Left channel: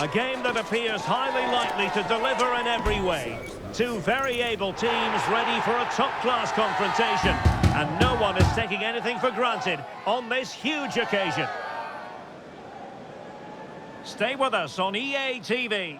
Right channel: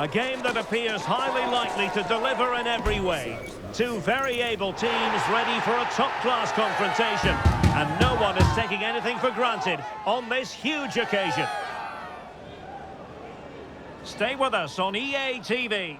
A game that appears highly likely to deliver in every way. Two very able teams ready for a top-class confrontation. And no one is taking anything for granted on this huge occasion. Stay with us on EA TV.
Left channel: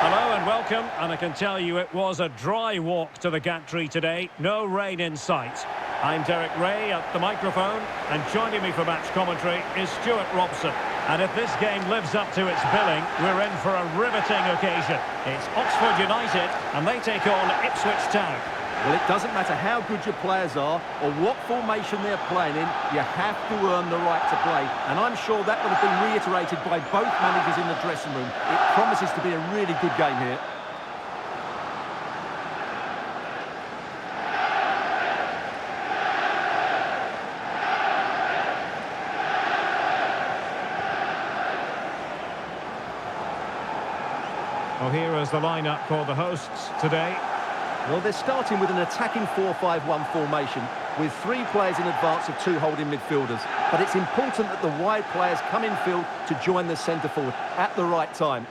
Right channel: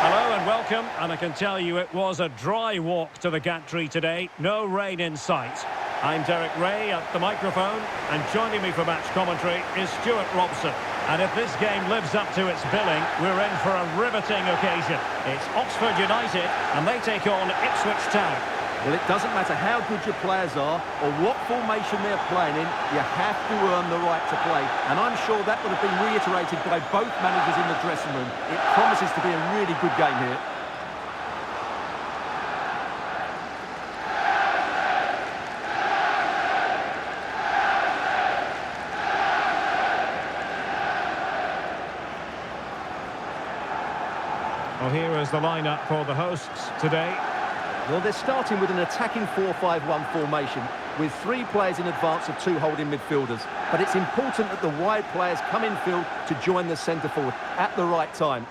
Hello and welcome, and I can tell you it was a dry walk to the gantry today. No rain in sight. I'm Derek Ray at the microphone, and joining me for match commentary is Stuart Robson. And if this game lives up to its billing, we're in for a riveting occasion. It's Oxford United, and they take on Ipswich Town. Well, it doesn't matter how good your players are or what formation they're playing in, you have to earn the right to play. And I'm sure that would have been reiterated by both managers in the dressing room. It promises to be a really good game here. Well, here is the lineup for the hosts today. Well, they're starting with an attacking 4-5-1 formation with three players in advance of two holding midfielders. But it's important that the wide players come in field to join the centre forward at the right time.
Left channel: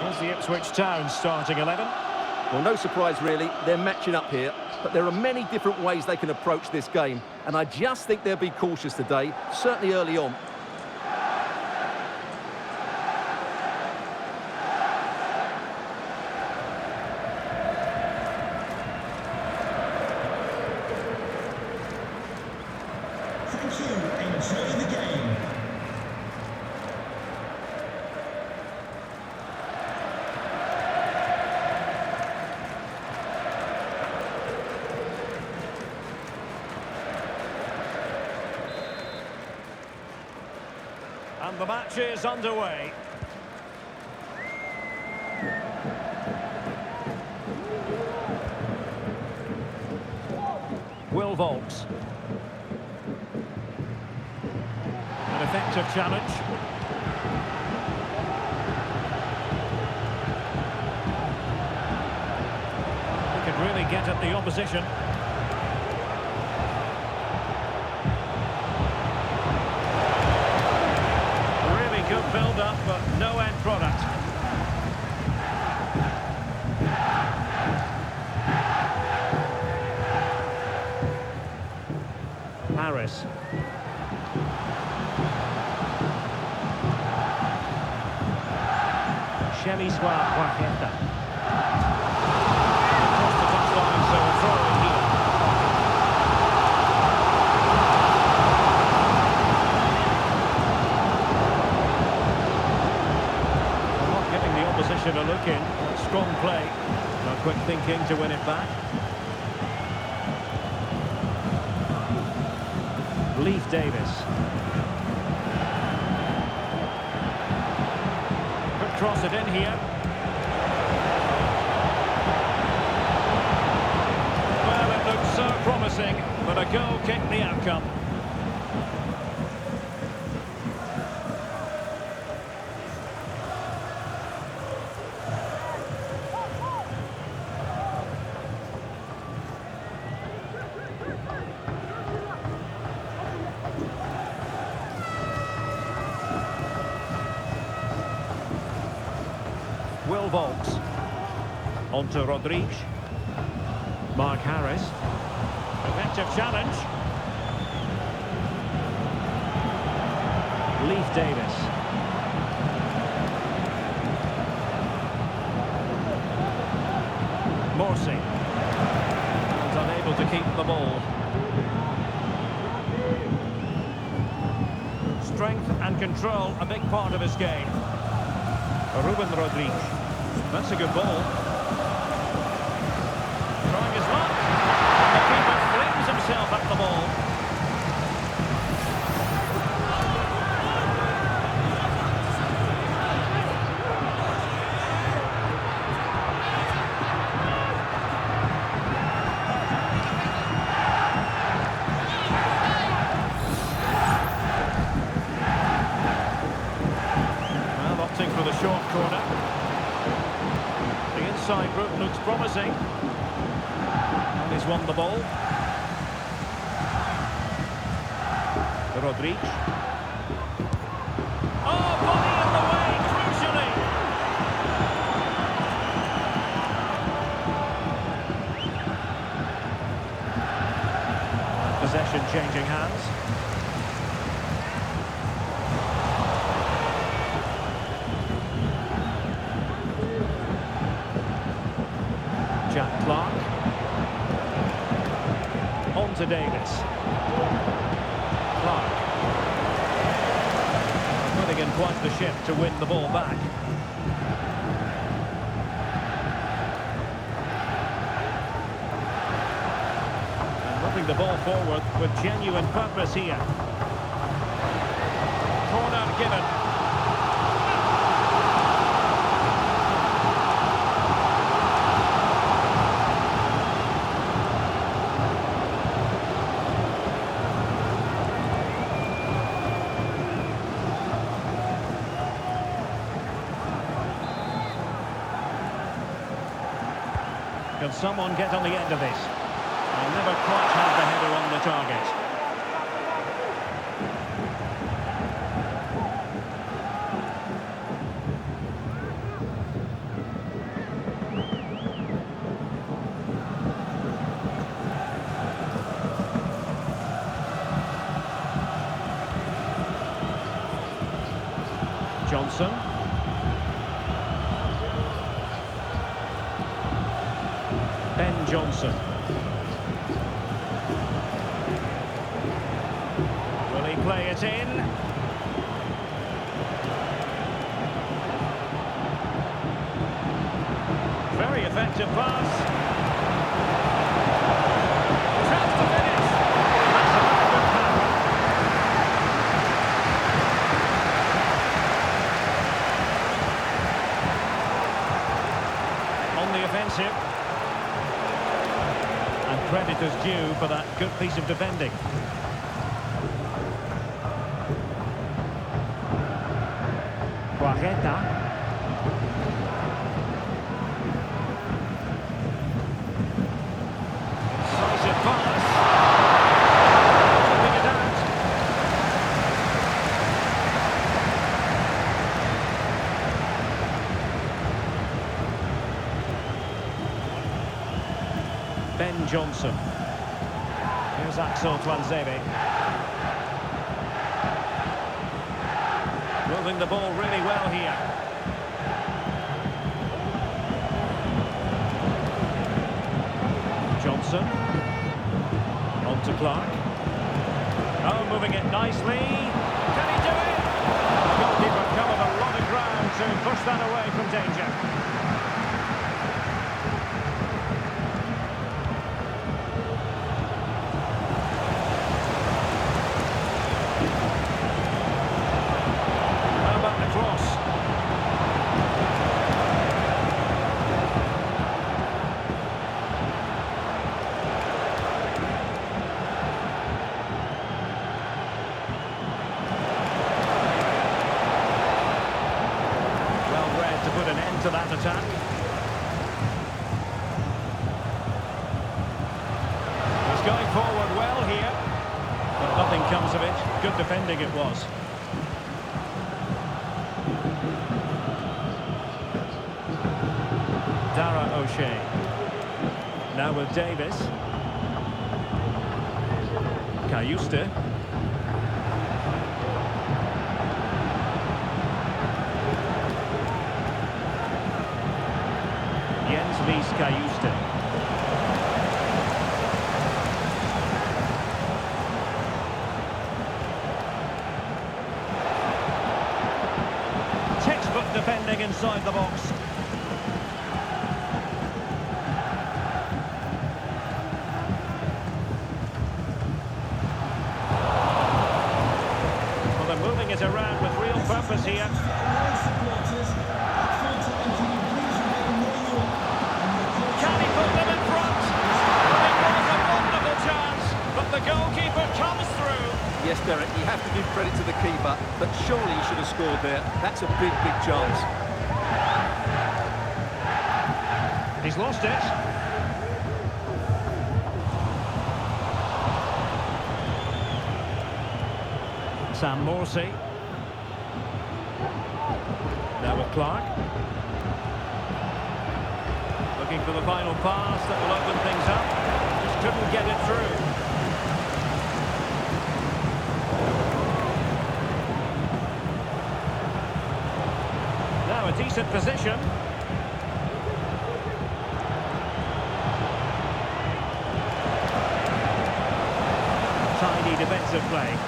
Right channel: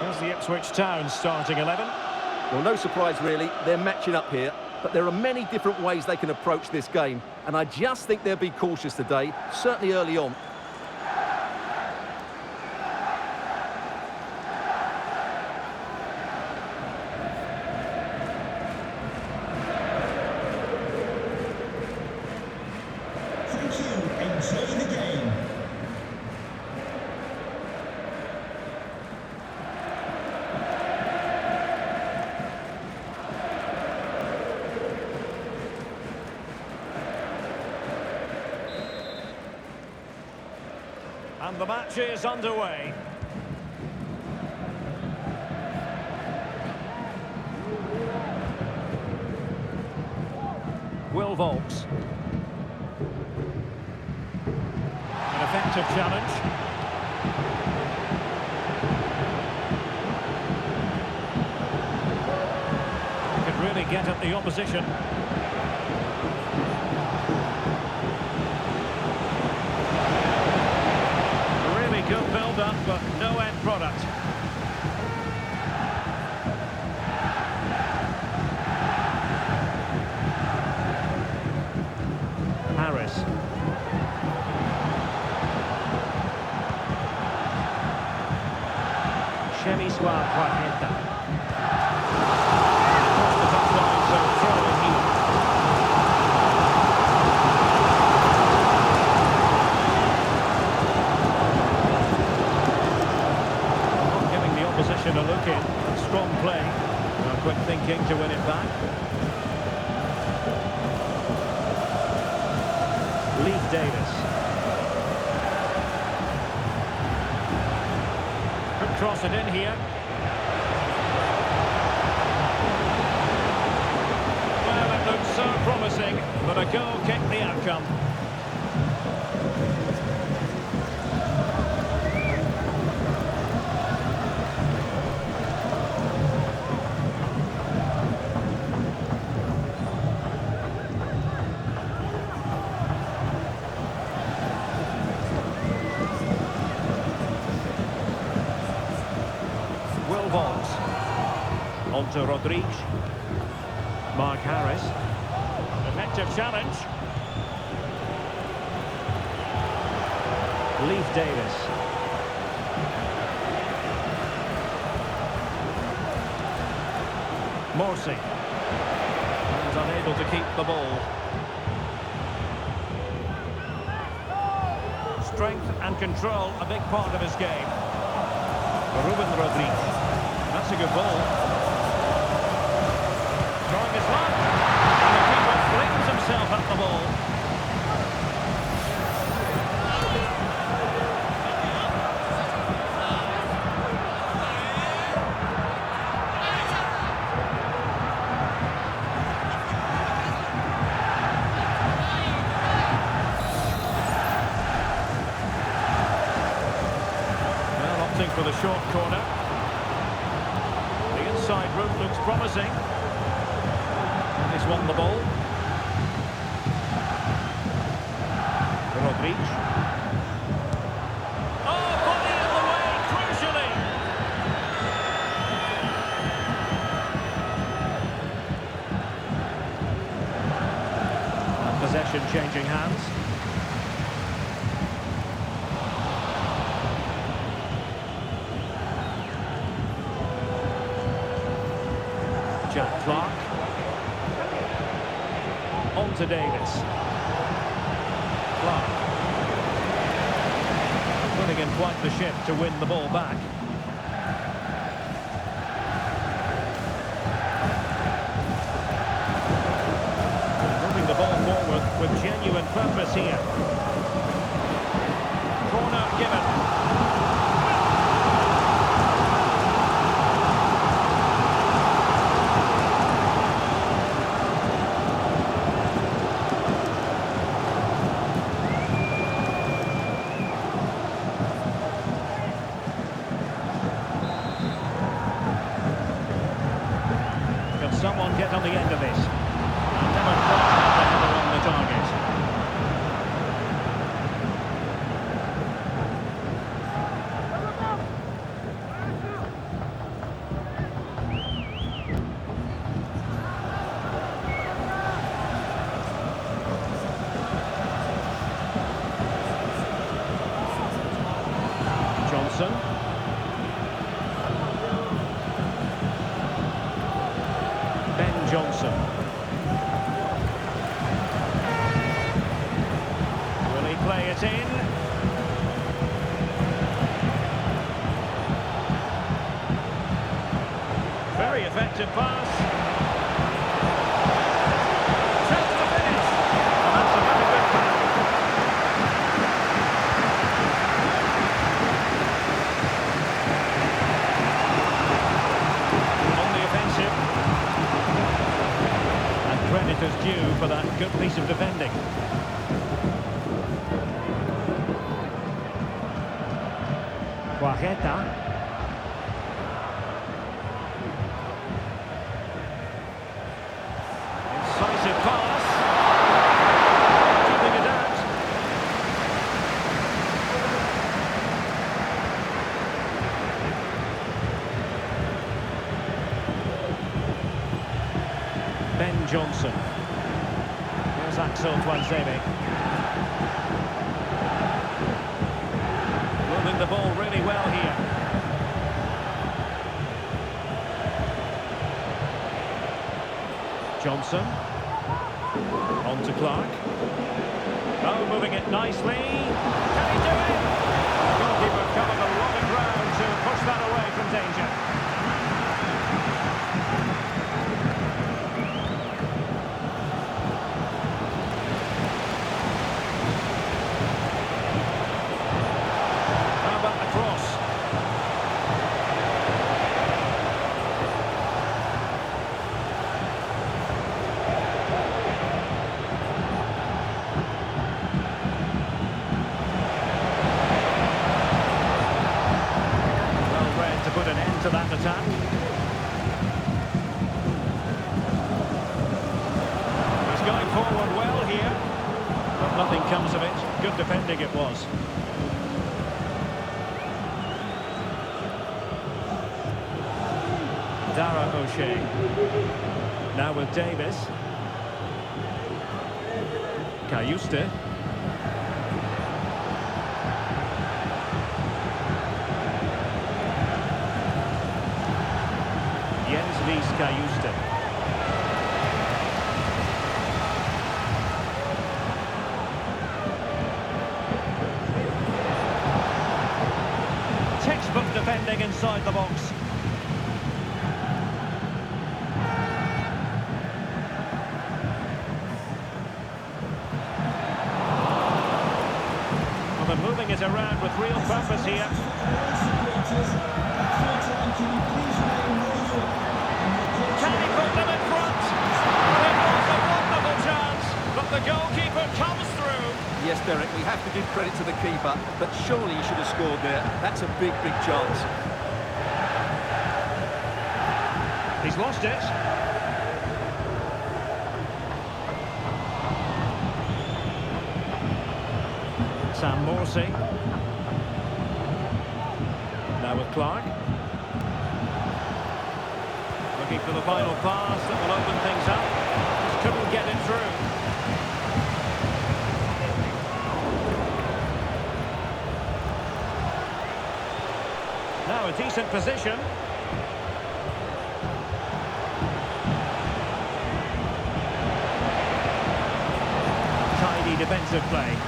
Here's the Ipswich Town starting 11. Well, no surprise really, they're matching up here, but there are many different ways they can approach this game, and I just think they'll be cautious today, certainly early on. Thank you, enjoy the game. And the match is underway. Will Volks. An effective challenge. He could really get at the opposition. Good build-up, but no end product. Harris. Chemiswa Quajeta. Across the touchline, so a throw in here. Opposition a look in. That's strong play. Now quick thinking to win it back. Leif Davis. Could cross it in here. Well, it looked so promising, but a goal kicked the outcome. Will Volks. On to Rodriguez. Mark Harris. Effective challenge. Leif Davis. Morsi. And unable to keep the ball. Strength and control, a big part of his game. Ruben Rodriguez. That's a good ball. Trying his luck. And the keeper flings himself at the ball. going for the short corner. The inside route looks promising. And he's won the ball. Rodriguez. Oh, body in the way, crucially. And possession changing hands. Jack Clark. On to Davis. Clark. Putting in quite the shift to win the ball back. And moving the ball forward with genuine purpose here. Corner given. Can someone get on the end of this? I'll never quite have the header on the target. Johnson. Ben Johnson. Will he play it in? Very effective pass. Chance to finish. And that's a very good pass. On the offensive. Credit is due for that good piece of defending. Guajeta. Incisive pass. Keeping it out. Ben Johnson. Here's Axel Tuanzebe. Moving the ball really well here. Johnson. On to Clark. Oh, moving it nicely. Can he do it? And the goalkeeper covered a lot of ground to push that away from danger. Cross. Well read to put an end to that attack. He's going forward well here, but nothing comes of it. Good defending it was. Dara O'Shea. Now with Davis. Cayuste. Jens Lys Cayuste. Textbook defending inside the box. Well, they're moving it around with real purpose here. Can he put them in front? Well, it was a wonderful chance, but the goalkeeper comes through. Yes, Derek, we have to give credit to the keeper, but surely he should have scored there. That's a big, big chance. He's lost it. Sam Morsey. Now with Clark. Looking for the final pass that will open things up. Just couldn't get it through. Now a decent position. Tidy defensive play.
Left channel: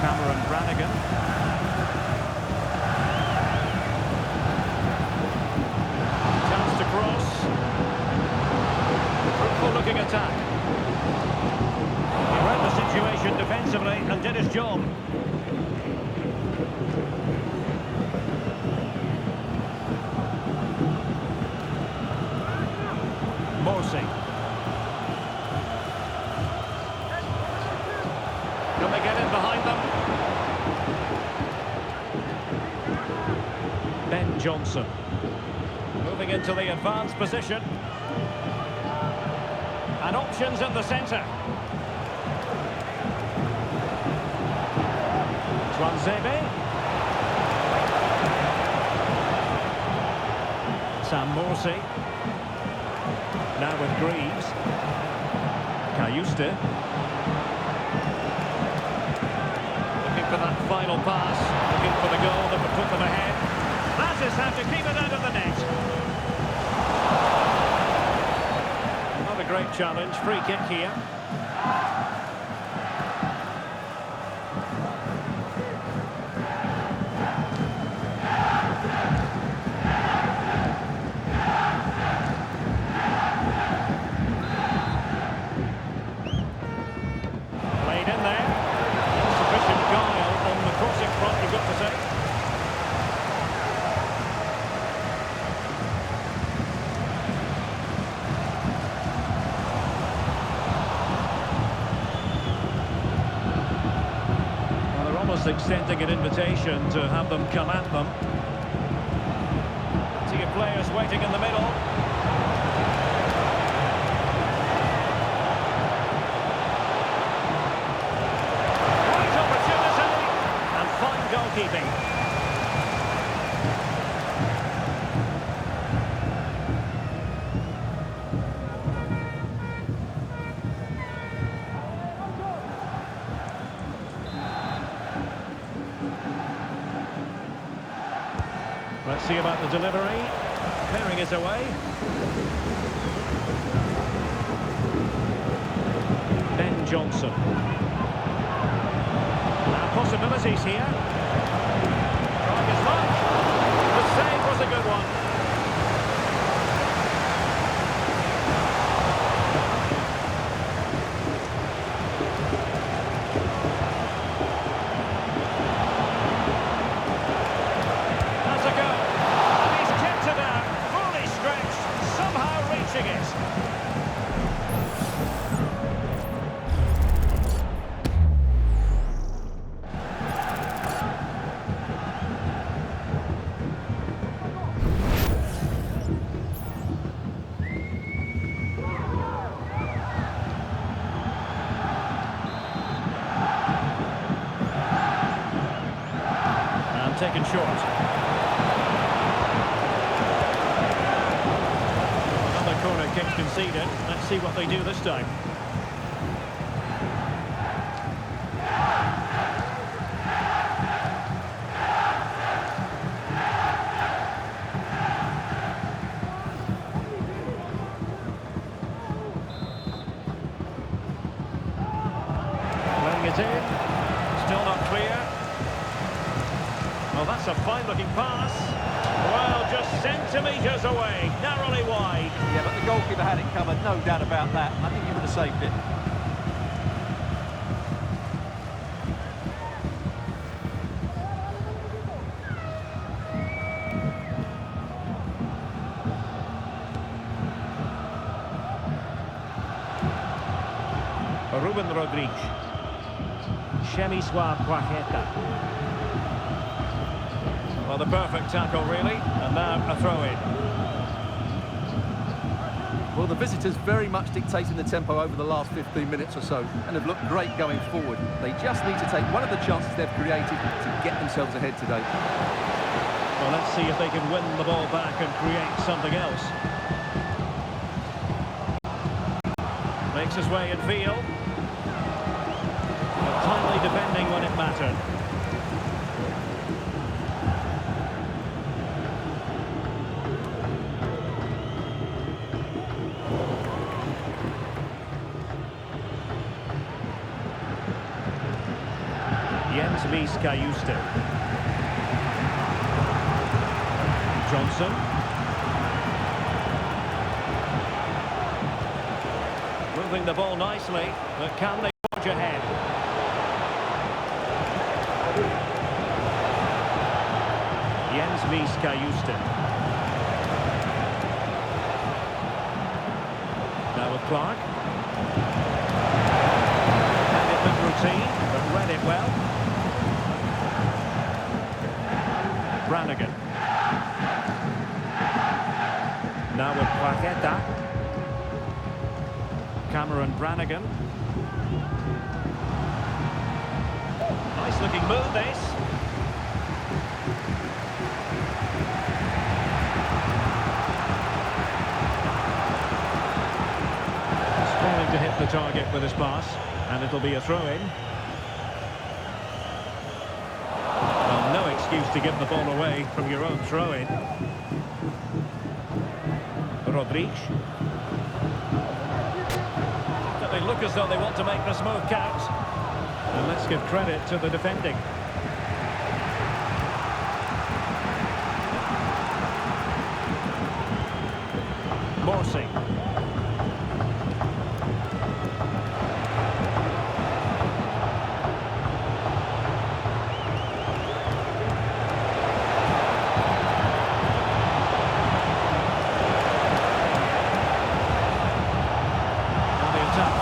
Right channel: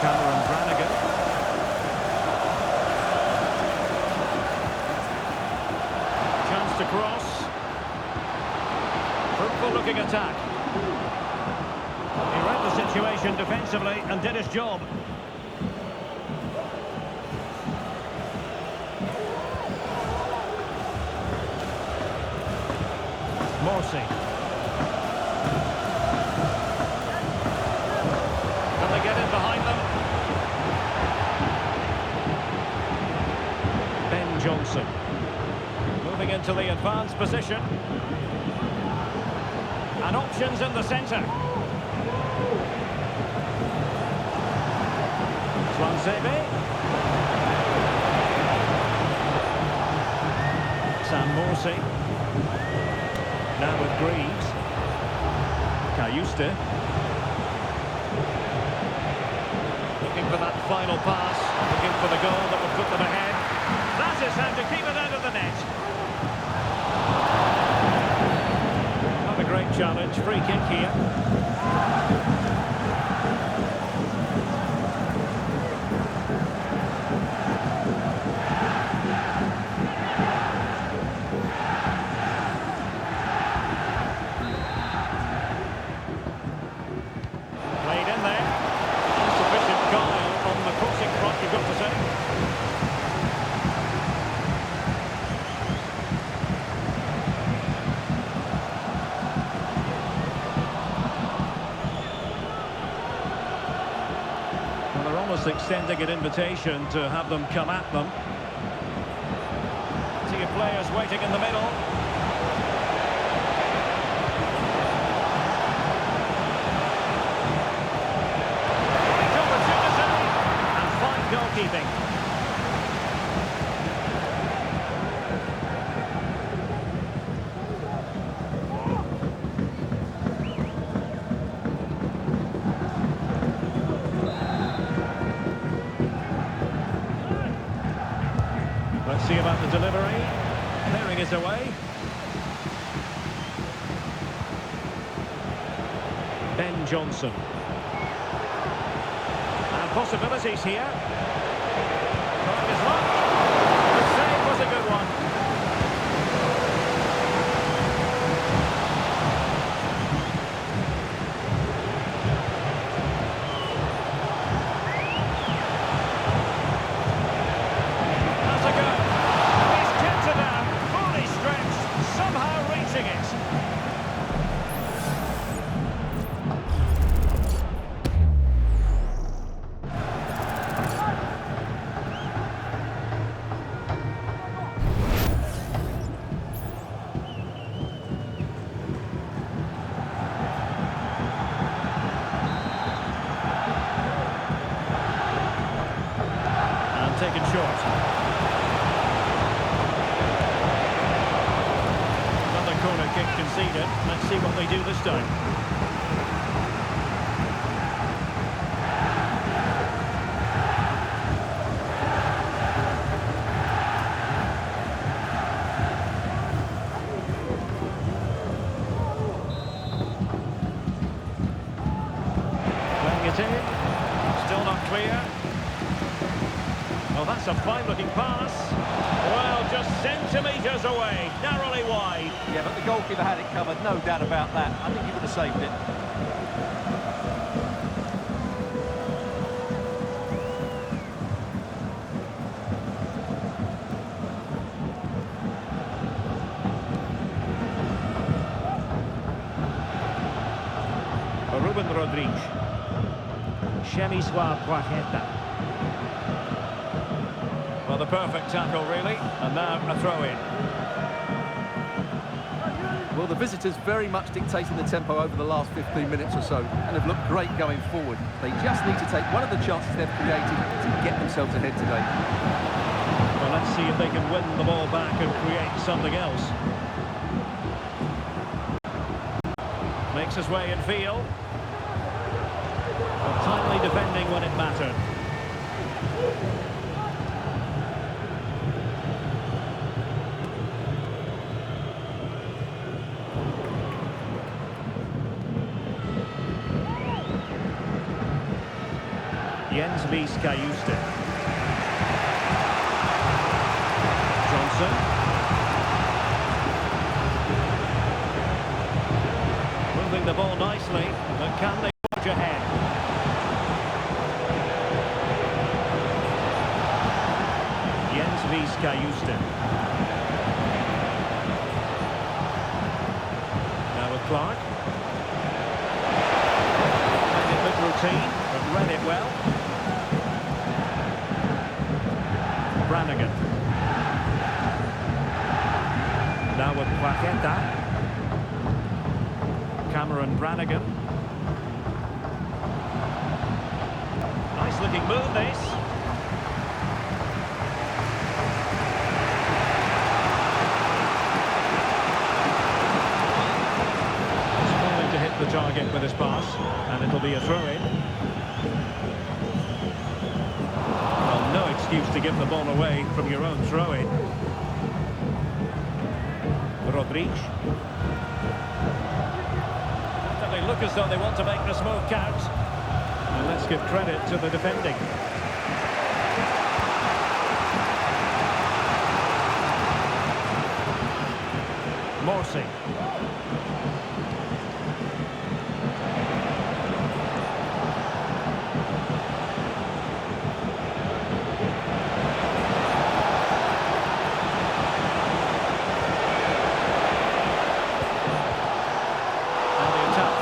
Cameron Brannigan. Chance to cross. Fruitful looking attack. He read the situation defensively and did his job. Morsey. Can they get in behind them? Ben Johnson. Moving into the advanced position. And options in the centre. Swansebe. Sam Morsey. Now with Greaves. Cayuste. Looking for that final pass. Looking for the goal that would put them ahead. That is how to keep it out of the net. Not a great challenge. Free kick here. Played in there. Insufficient guile on the crossing front, you've got to say. Well, they're almost extending an invitation to have them come at them. See your players waiting in the middle. Goalkeeping. Let's see about the delivery. Clearing it away. Ben Johnson. Now possibilities here. Trying his luck. The save was a good one. Has a go. And he's kept it out. Fully stretched. Somehow reaching it. Taken short. Another corner kick conceded. Let's see what they do this time. Playing it in. Still not clear. Well, that's a fine-looking pass. Well, just centimetres away, narrowly wide. Yeah, but the goalkeeper had it covered, no doubt about that. I think he would have saved it. Ruben Rodrigues. Chemiswa Poacheta. Well, the perfect tackle, really. And now a throw-in. Well, the visitors very much dictating the tempo over the last 15 minutes or so and have looked great going forward. They just need to take one of the chances they've created to get themselves ahead today. Well, let's see if they can win the ball back and create something else. Makes his way in field. But timely defending when it mattered. Jens Mies Kajuste. Johnson. Moving the ball nicely, but can they forge ahead? Jens Mies Kajuste. Now with Clark. Made it look routine, but read it well. Brannigan. Now with Poacheta. Cameron Brannigan. Nice looking move, this. Struggling to hit the target with his pass, and it'll be a throw-in. Well, no excuse to give the ball away from your own throw-in. Rodrigues. They look as though they want to make this move count. And let's give credit to the defending. Morsi.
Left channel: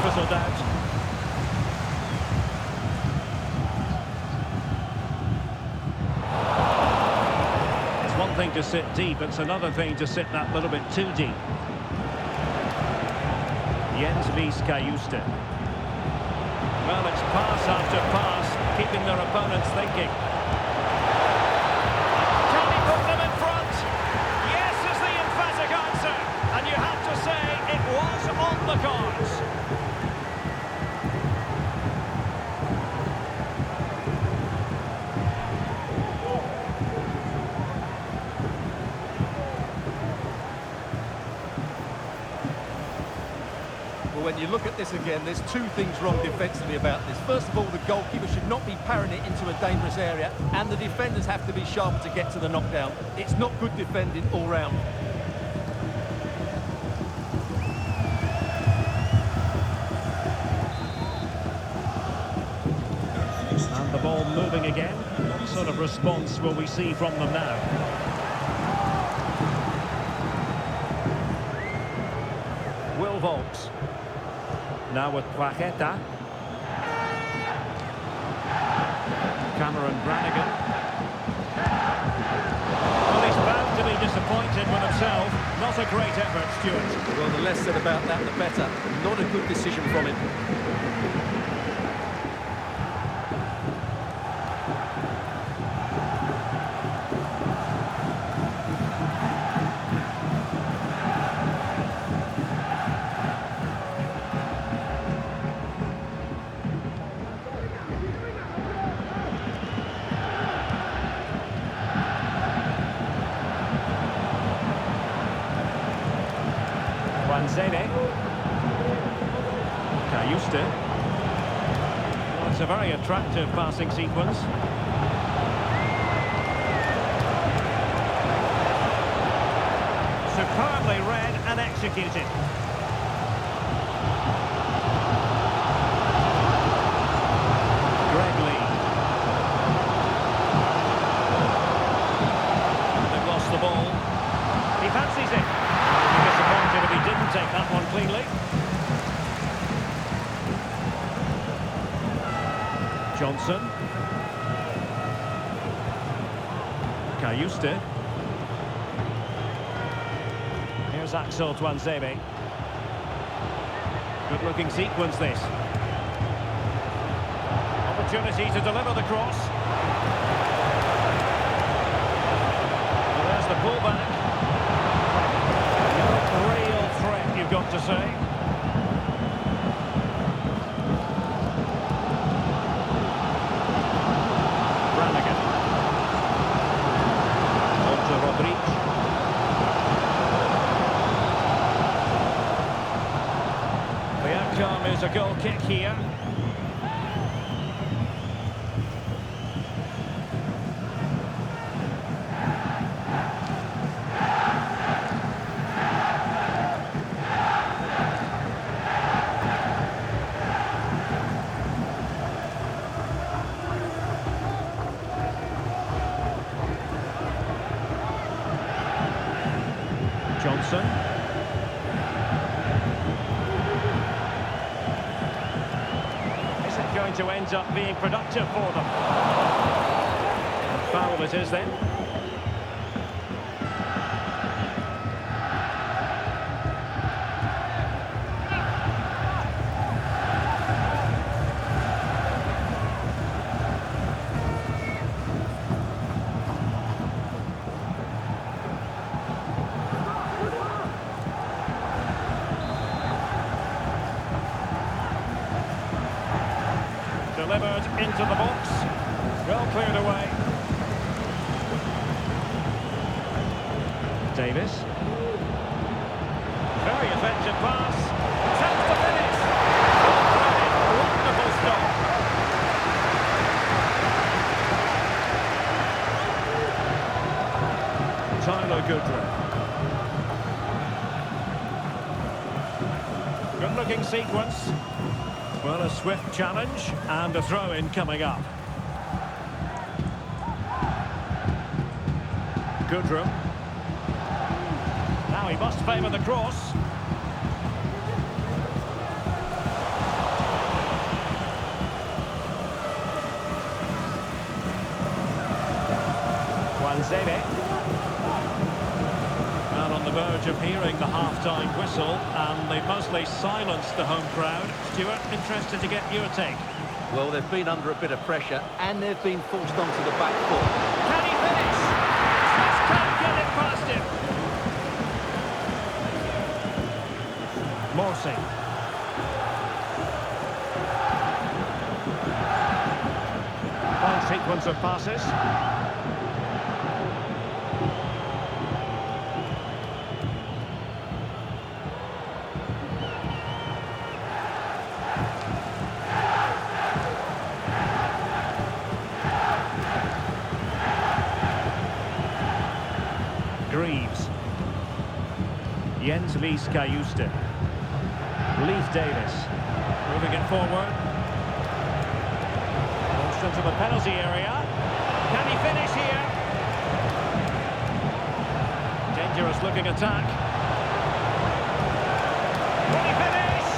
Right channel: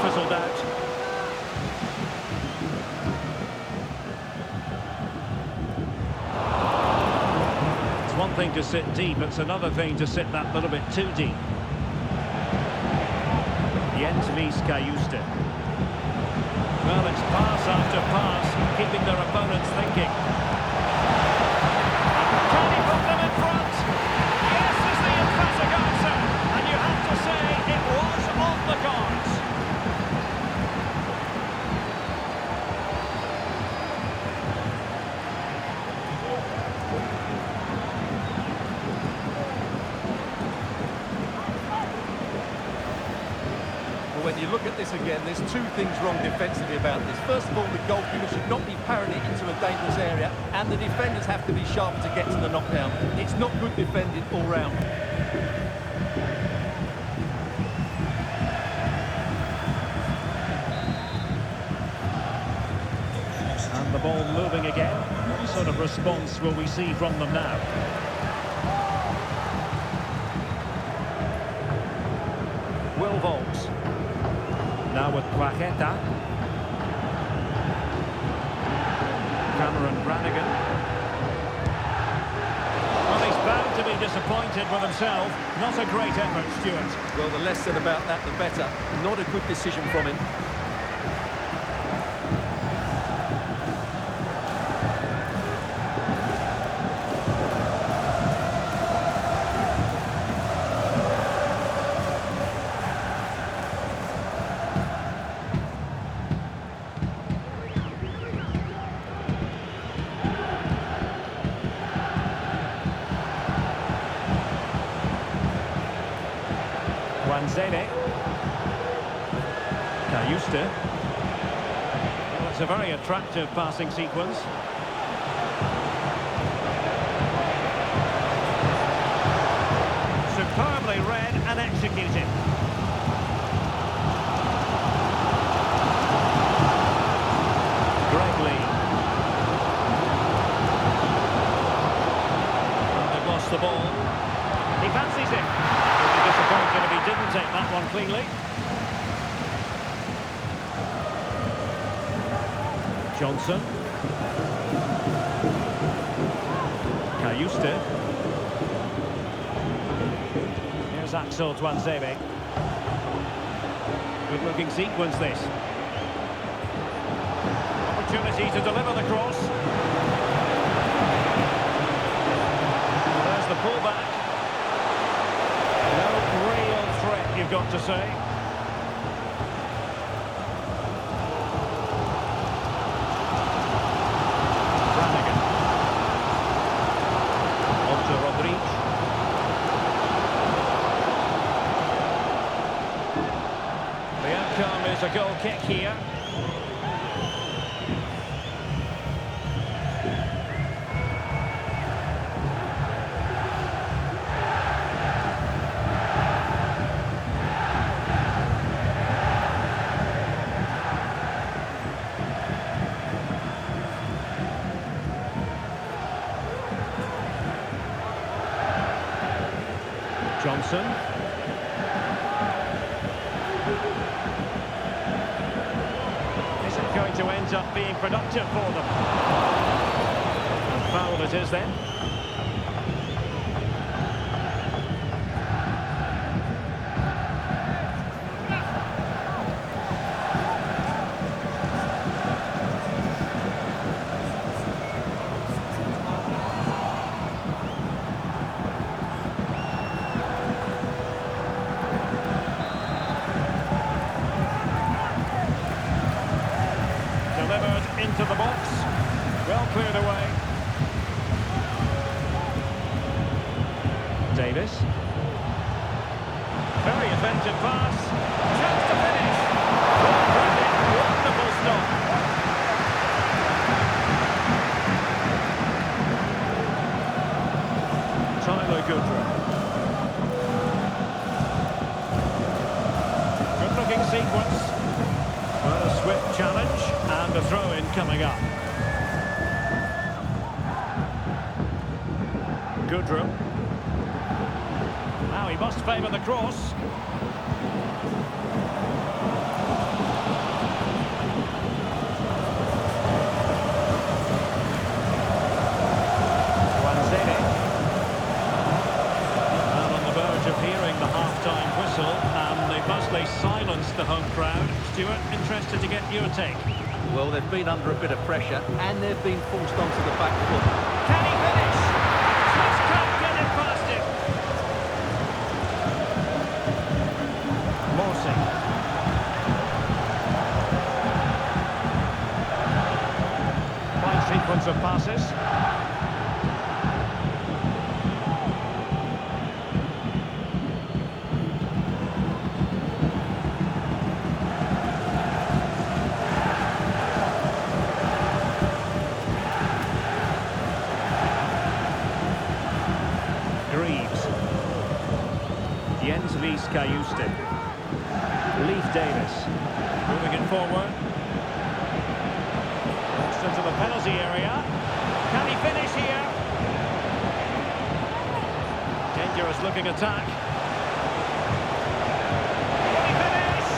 Fizzled out. It's one thing to sit deep, it's another thing to sit that little bit too deep. Jens Mies Kajuste. Well, it's pass after pass, keeping their opponents thinking. Can he put them in front? Yes is the emphatic answer. And you have to say it was on the cards. Well, when you look at this again, there's two things wrong defensively about this. First of all, the goalkeeper should not be parrying it into a dangerous area, and the defenders have to be sharper to get to the knockdown. It's not good defending all round. And the ball moving again. What sort of response will we see from them now? Will Volks. Now with Poacheta. Cameron Brannigan. Well, he's bound to be disappointed with himself. Not a great effort, Stuart. Well, the less said about that, the better. Not a good decision from him. Wanzede. Kajuste. Well, it's a very attractive passing sequence. Superbly read and executed. Greg Lee. Well, they've lost the ball. He fancies it. He'll be disappointed if he didn't take that one cleanly. Johnson. Kayuste. Here's Axel Tuanzebe. Good looking sequence this. Opportunity to deliver the cross. Well, there's the pullback. No real threat, you've got to say. Brannigan. On to Rodriguez. The outcome is a goal kick here. Johnson. Is it going to end up being productive for them? And foul it is then. Delivered into the box. Well cleared away. Davis. Very effective pass. Chance to finish. Full credit. Wonderful stop. Tyler Goodrow. Good looking sequence. Well, a swift challenge and a throw-in coming up. Goodrow. Now he must favour the cross. Tuanzebe. And on the verge of hearing the half-time whistle, and they've mostly silenced the home crowd. Stuart, interested to get your take. Well, they've been under a bit of pressure, and they've been forced onto the back foot. Can he finish? Just can't get it past him. Morsey. Fine sequence of passes. Greaves. Jens Lees Kayuste. Leif Davis. Moving it forward. Launched into the penalty area. Can he finish here? Dangerous looking attack. Will he finish?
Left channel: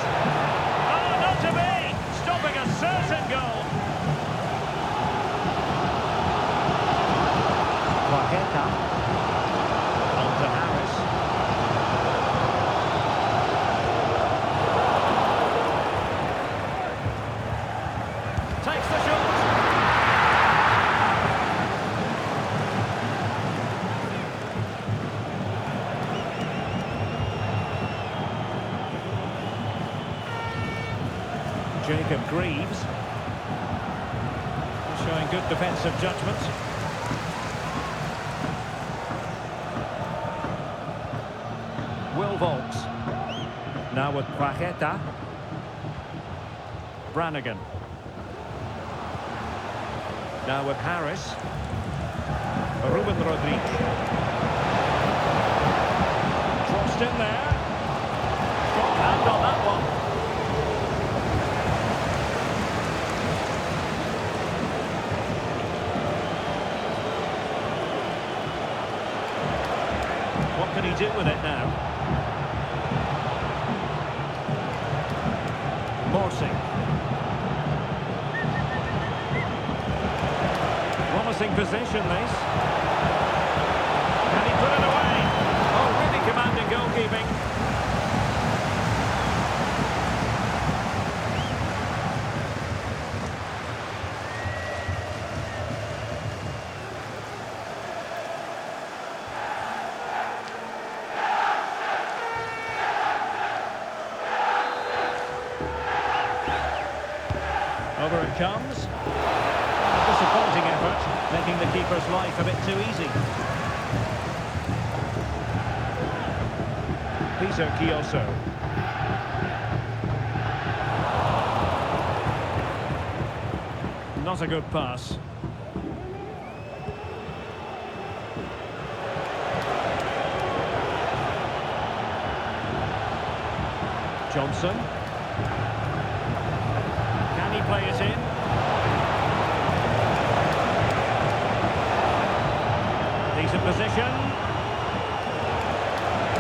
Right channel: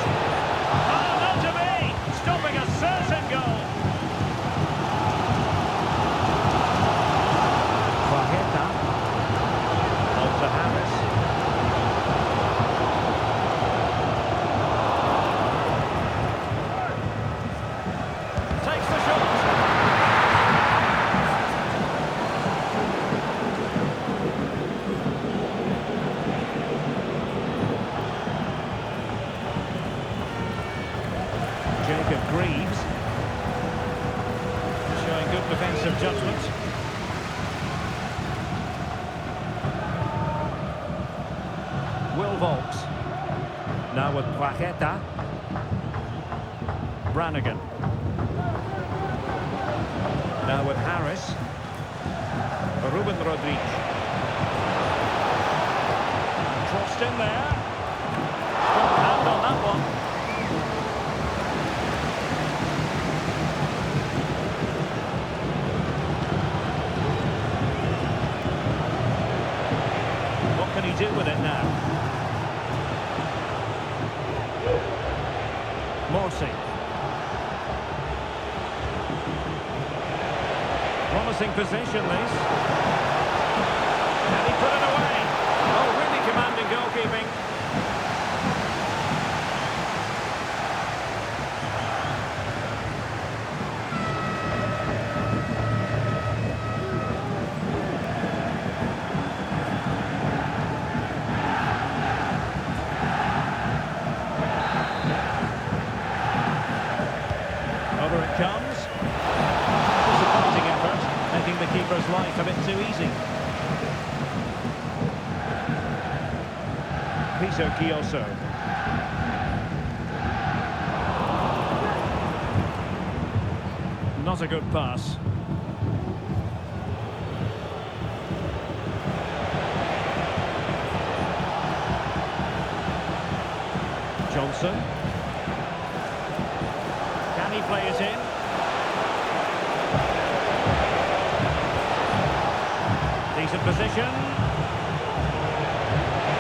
Oh, not to be! Stopping a certain goal. Quajeta. On to Harris. Takes the shot. Jacob Greaves. Showing good defensive judgment. Will Volks. Now with Quajeta. Brannigan. Now with Harris. Ruben Rodriguez. Crossed in there. Strong hand on that one. What can he do with it now? Morsey. promising position, this. Can he put it away? Oh, really commanding goalkeeping. Over it comes. Disappointing effort, making the keeper's life a bit too easy. Peter Kioso. Not a good pass. Johnson. Can he play it in? Decent position.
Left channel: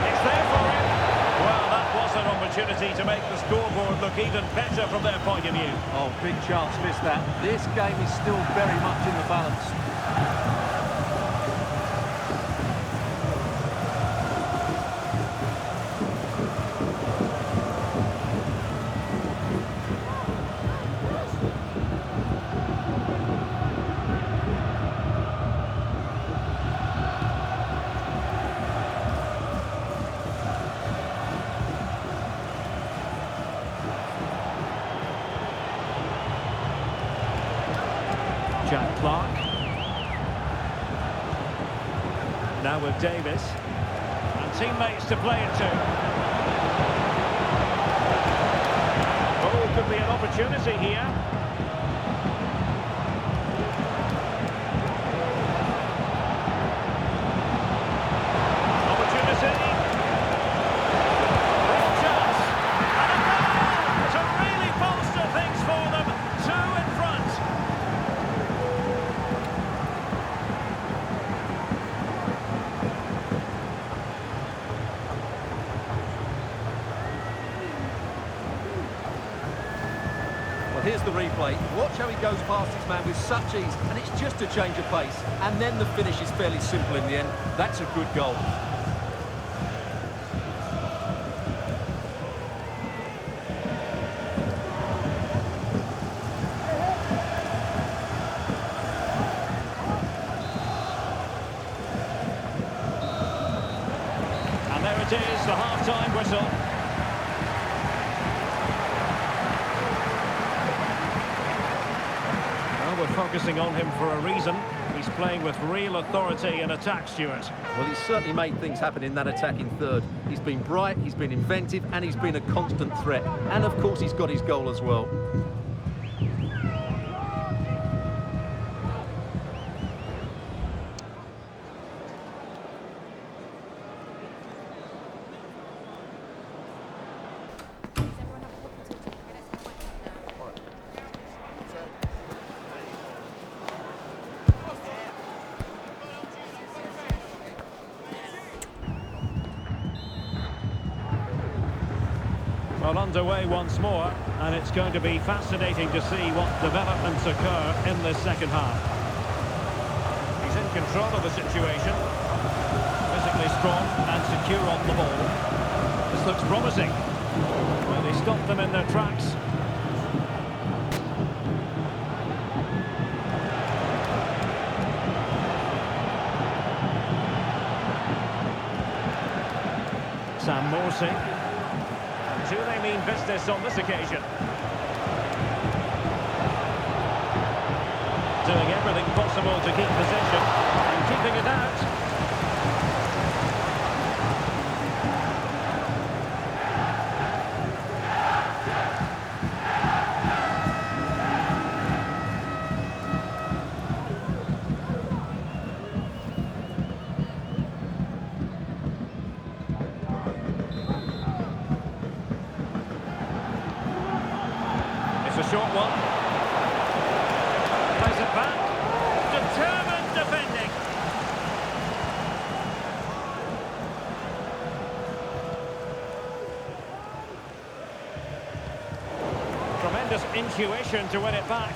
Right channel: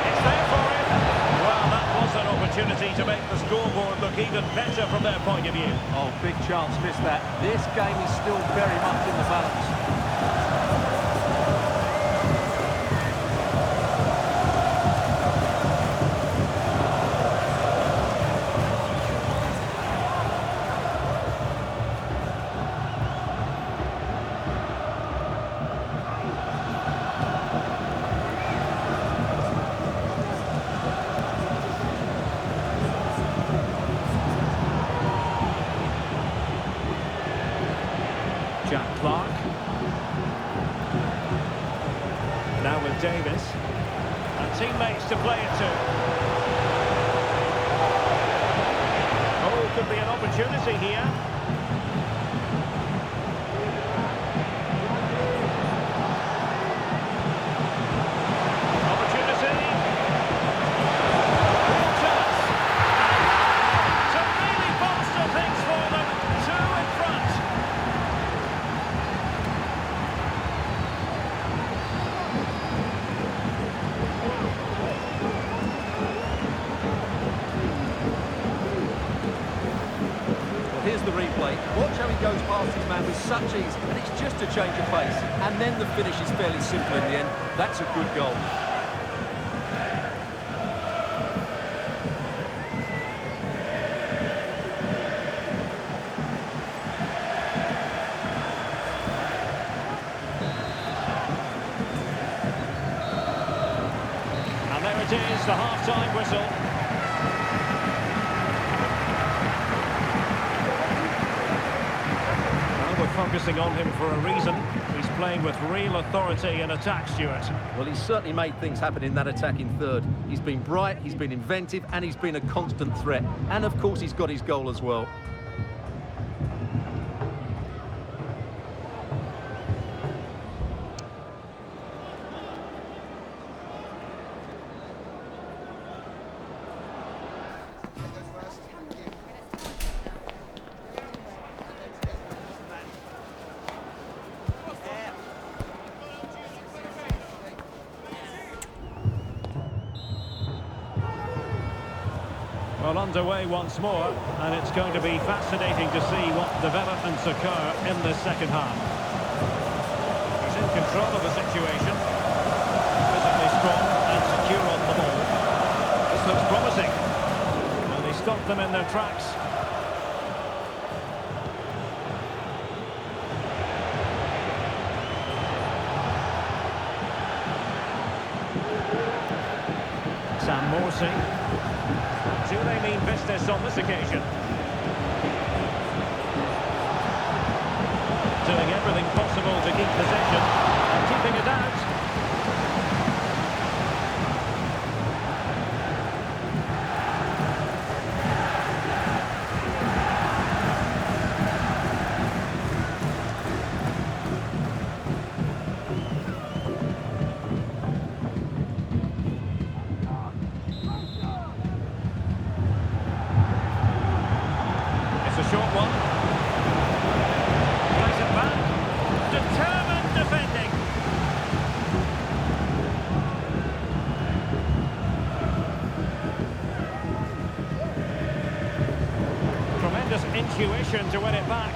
It's there for him. Well, that was an opportunity to make the scoreboard look even better from their point of view. Oh, big chance missed that. This game is still very much in the balance. Jack Clark. Now with Davis. And teammates to play it to. Oh, could be an opportunity here. Opportunity. Real chance. And a goal to really bolster things for them. Two in front. Well, here's the replay. Watch how he goes past his man with such ease, and it's just a change of pace. And then the finish is fairly simple in the end. That's a good goal. And there it is, the half-time whistle. Well, we're focusing on him for a reason. He's playing with real authority in attack, Stuart. Well, he's certainly made things happen in that attacking third. He's been bright, he's been inventive, and he's been a constant threat. And, of course, he's got his goal as well. Well, underway once more, and it's going to be fascinating to see what developments occur in this second half. He's in control of the situation, physically strong and secure on the ball. This looks promising. Well, he stopped them in their tracks. Sam Morsey. Do they mean business on this occasion? Doing everything possible to keep possession and keeping it out. A short one. Plays it back. Determined defending. Tremendous intuition to win it back.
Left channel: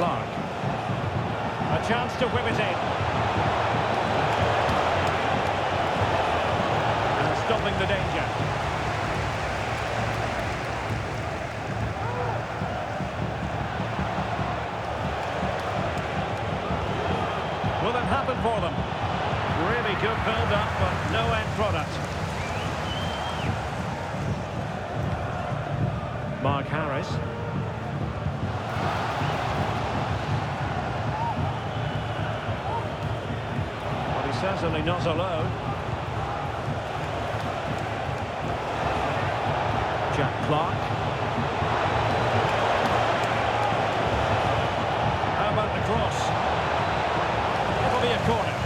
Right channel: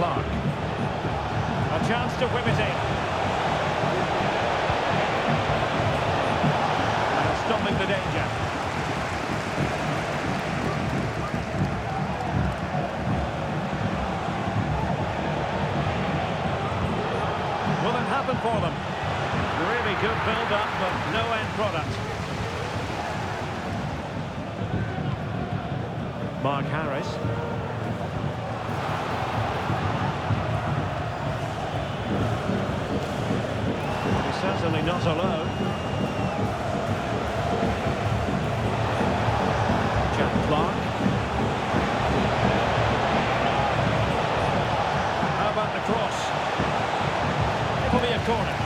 Clark. A chance to whip it in. And stopping the danger. Will it happen for them? Really good build-up, but no end product. Mark Harris. Well, he's certainly not alone. Jack Clark. How about the cross? It'll be a corner.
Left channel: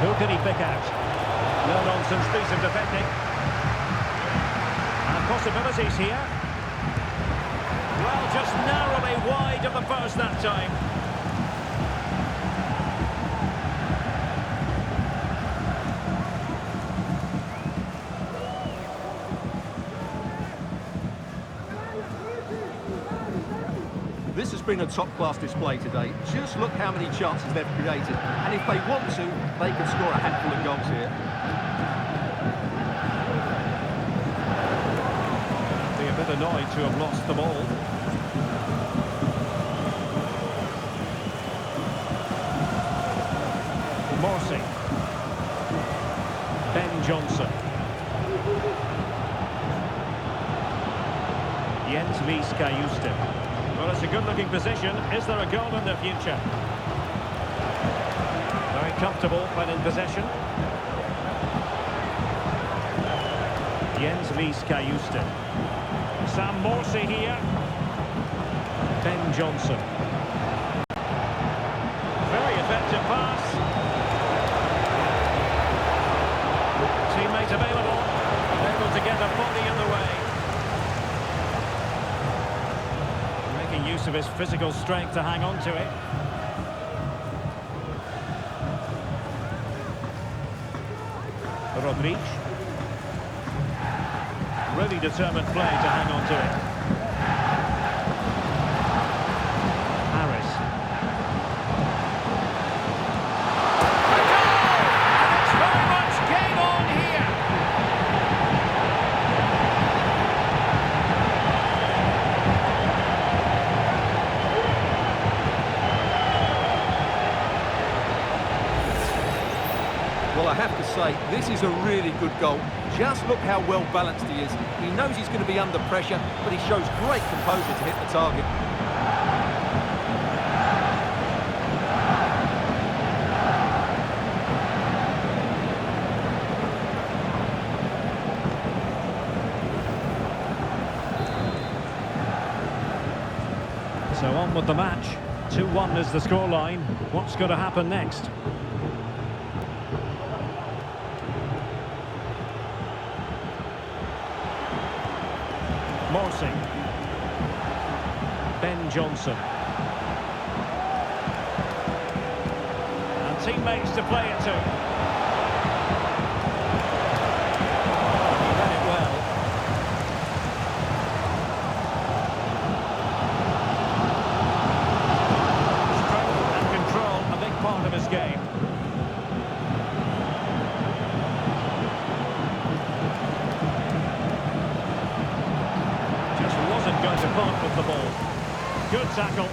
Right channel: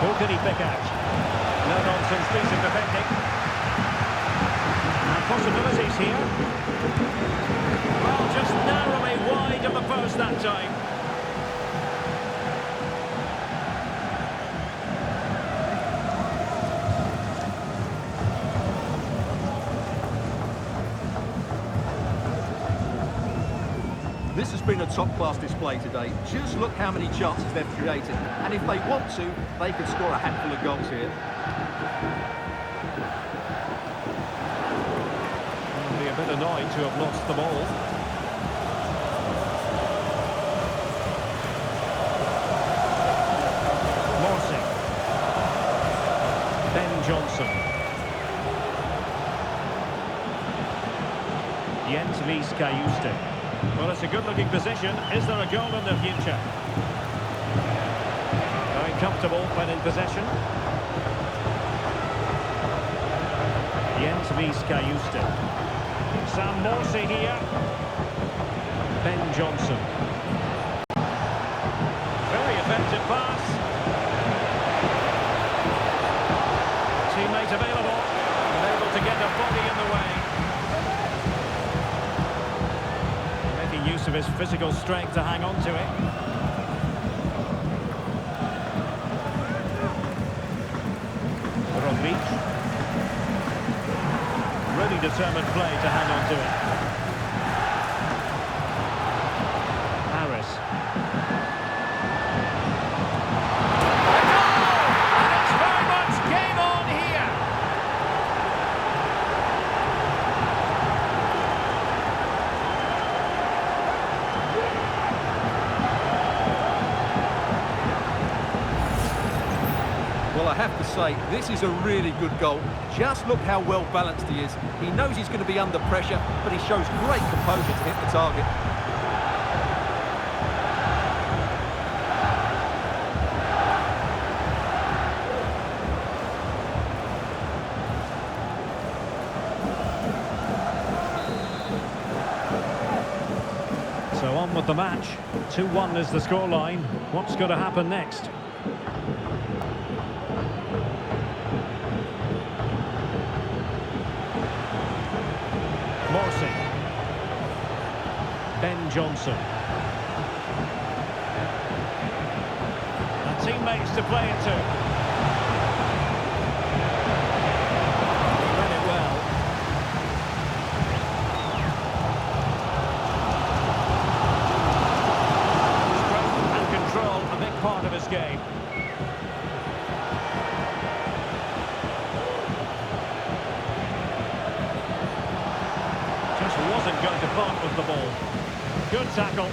Who can he pick out? No-nonsense piece of defending. And possibilities here. Well, just narrowly wide of the post that time. This has been a top-class display today. Just look how many chances they've created. And if they want to, they could score a handful of goals here. I'd be a bit annoyed to have lost the ball. Morsing. Ben Johnson. Jens Lis Kajuste. Well, it's a good-looking position. Is there a goal in the future? Very comfortable when in possession. Jens Lis Kajuste. Sam Morsey here. Ben Johnson. Very effective pass. Teammate available. And able to get a body in the way. Making use of his physical strength to hang on to it. Rodriguez. Really determined play to hang on to it. Harris. A goal! And it's very much game on here. Well, I have to say, this is a really good goal. Just look how well balanced he is. He knows he's going to be under pressure, but he shows great composure to hit the target. So on with the match. 2-1 is the scoreline. What's going to happen next? Morsey. Ben Johnson. And teammates to play it to. He read it well. Strength and control, a big part of his game. Wasn't going to part with the ball. Good tackle.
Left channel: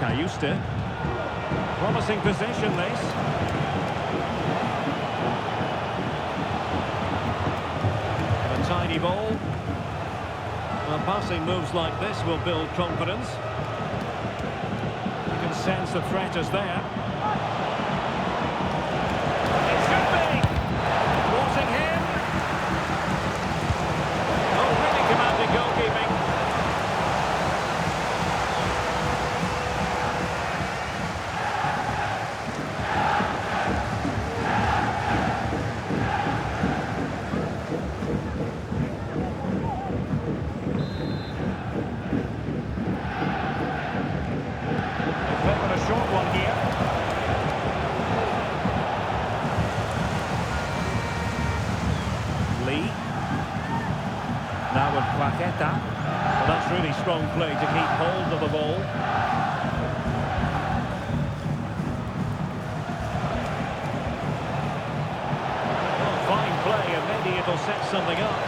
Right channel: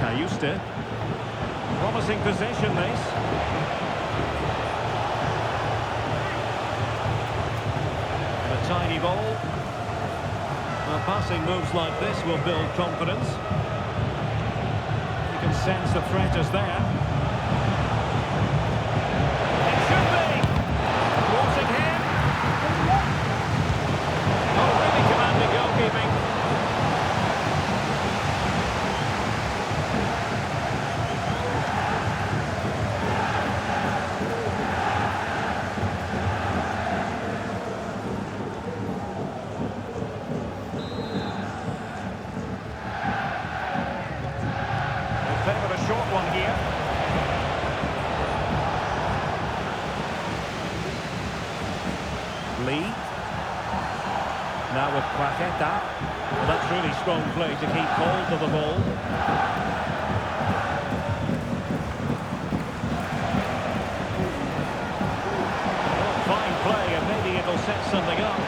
Kajuste. Promising possession, this. And a tiny ball. Well, passing moves like this will build confidence. You can sense the threat is there. It should be! Thwarting him. Oh, really commanding goalkeeping. Lee. Now with Paqueta. Well, that's really strong play to keep hold of the ball. Oh, fine play, and maybe it'll set something up.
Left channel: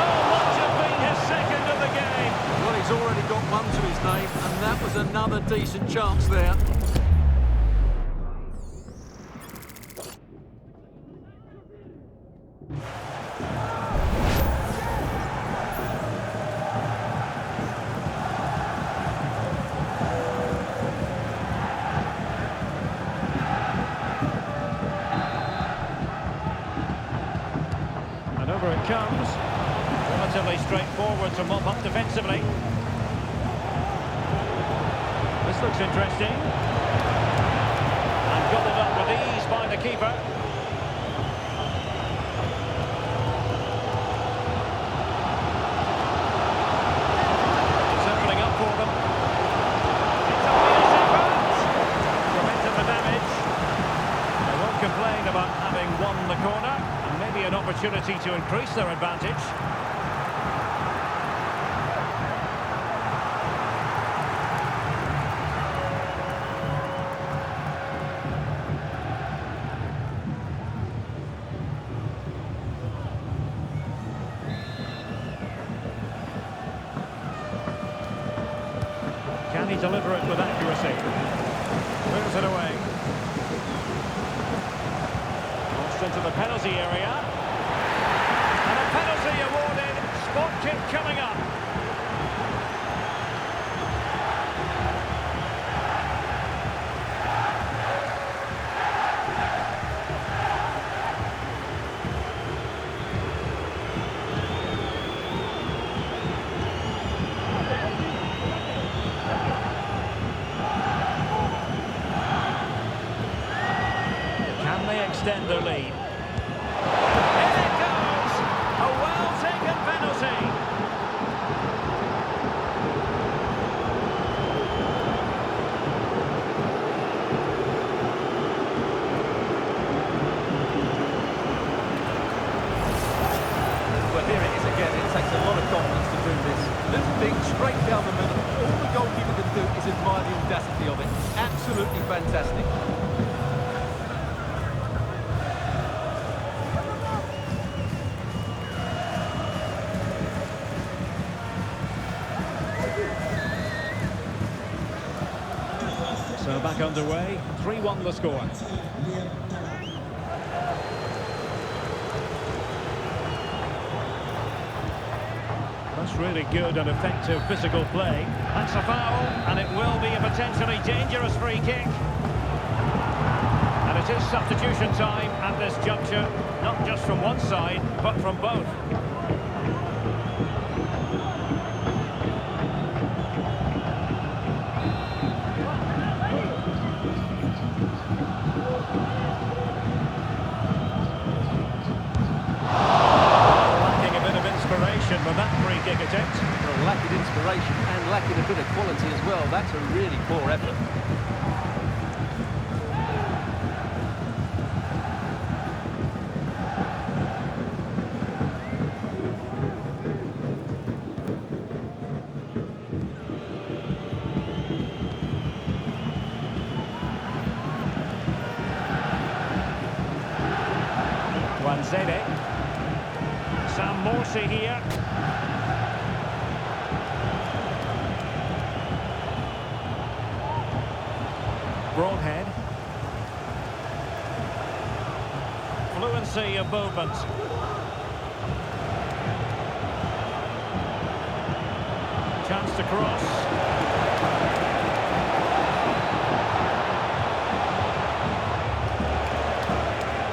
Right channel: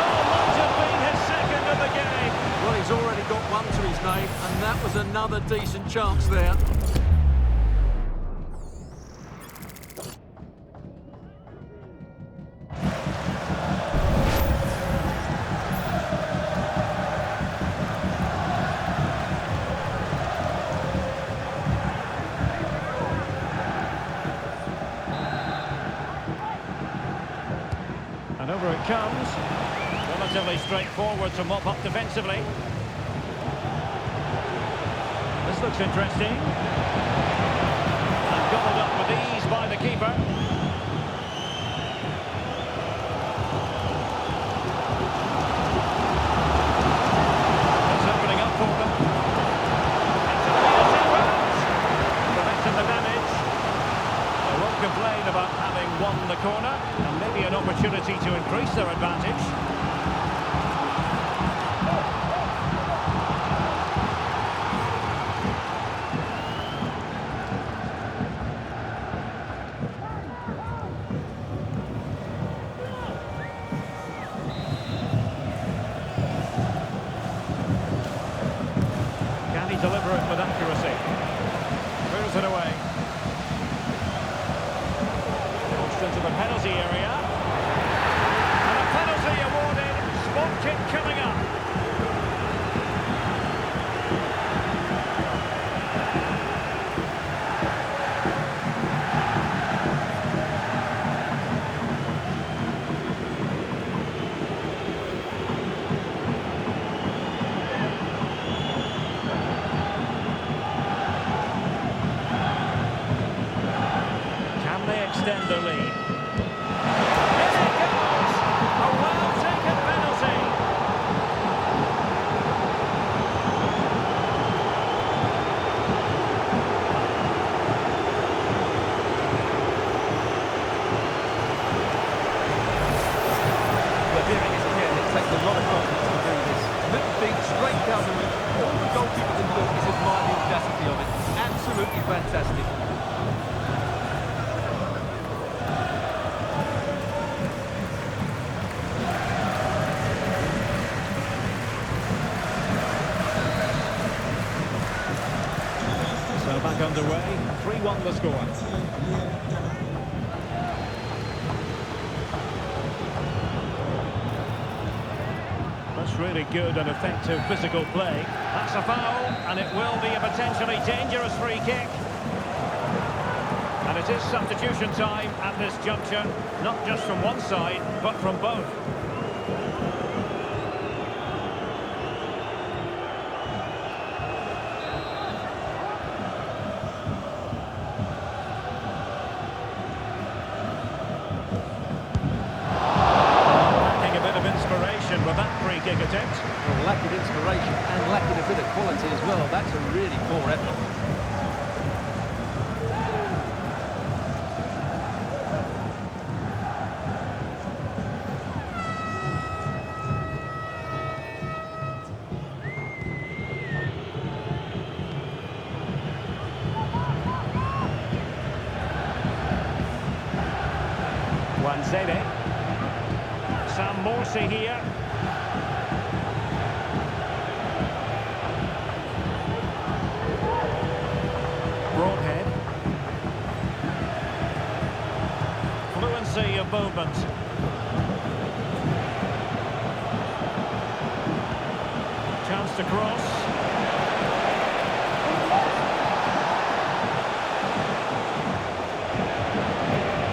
Oh, might have been his second of the game. Well, he's already got one to his name, and that was another decent chance there. And over it comes. Relatively straightforward to mop up defensively. This looks interesting. And gobbled up with ease by the keeper. It's opening up for them. It's a Peter Sevens. Preventing the damage. They won't complain about having won the corner, and maybe an opportunity to increase their advantage. Can he deliver it with accuracy? Clears it away. Into the penalty area, and a penalty awarded. Spot kick coming up. Can they extend their lead? In it goes! A well-taken penalty. Well, here it is again. It takes a lot of confidence to do this. Little thing straight down the middle. All the goalkeeper can do is admire the audacity of it. Absolutely fantastic. So back underway, 3-1 the score. That's really good and effective physical play. That's a foul, and it will be a potentially dangerous free kick. And it is substitution time at this juncture, not just from one side, but from both. Inspiration with that free kick attempt. Well, lacking inspiration and lacking a bit of quality as well. That's a really poor effort. Wanzede. Sam Morsey here. Broadhead. Fluency of movement. Chance to cross.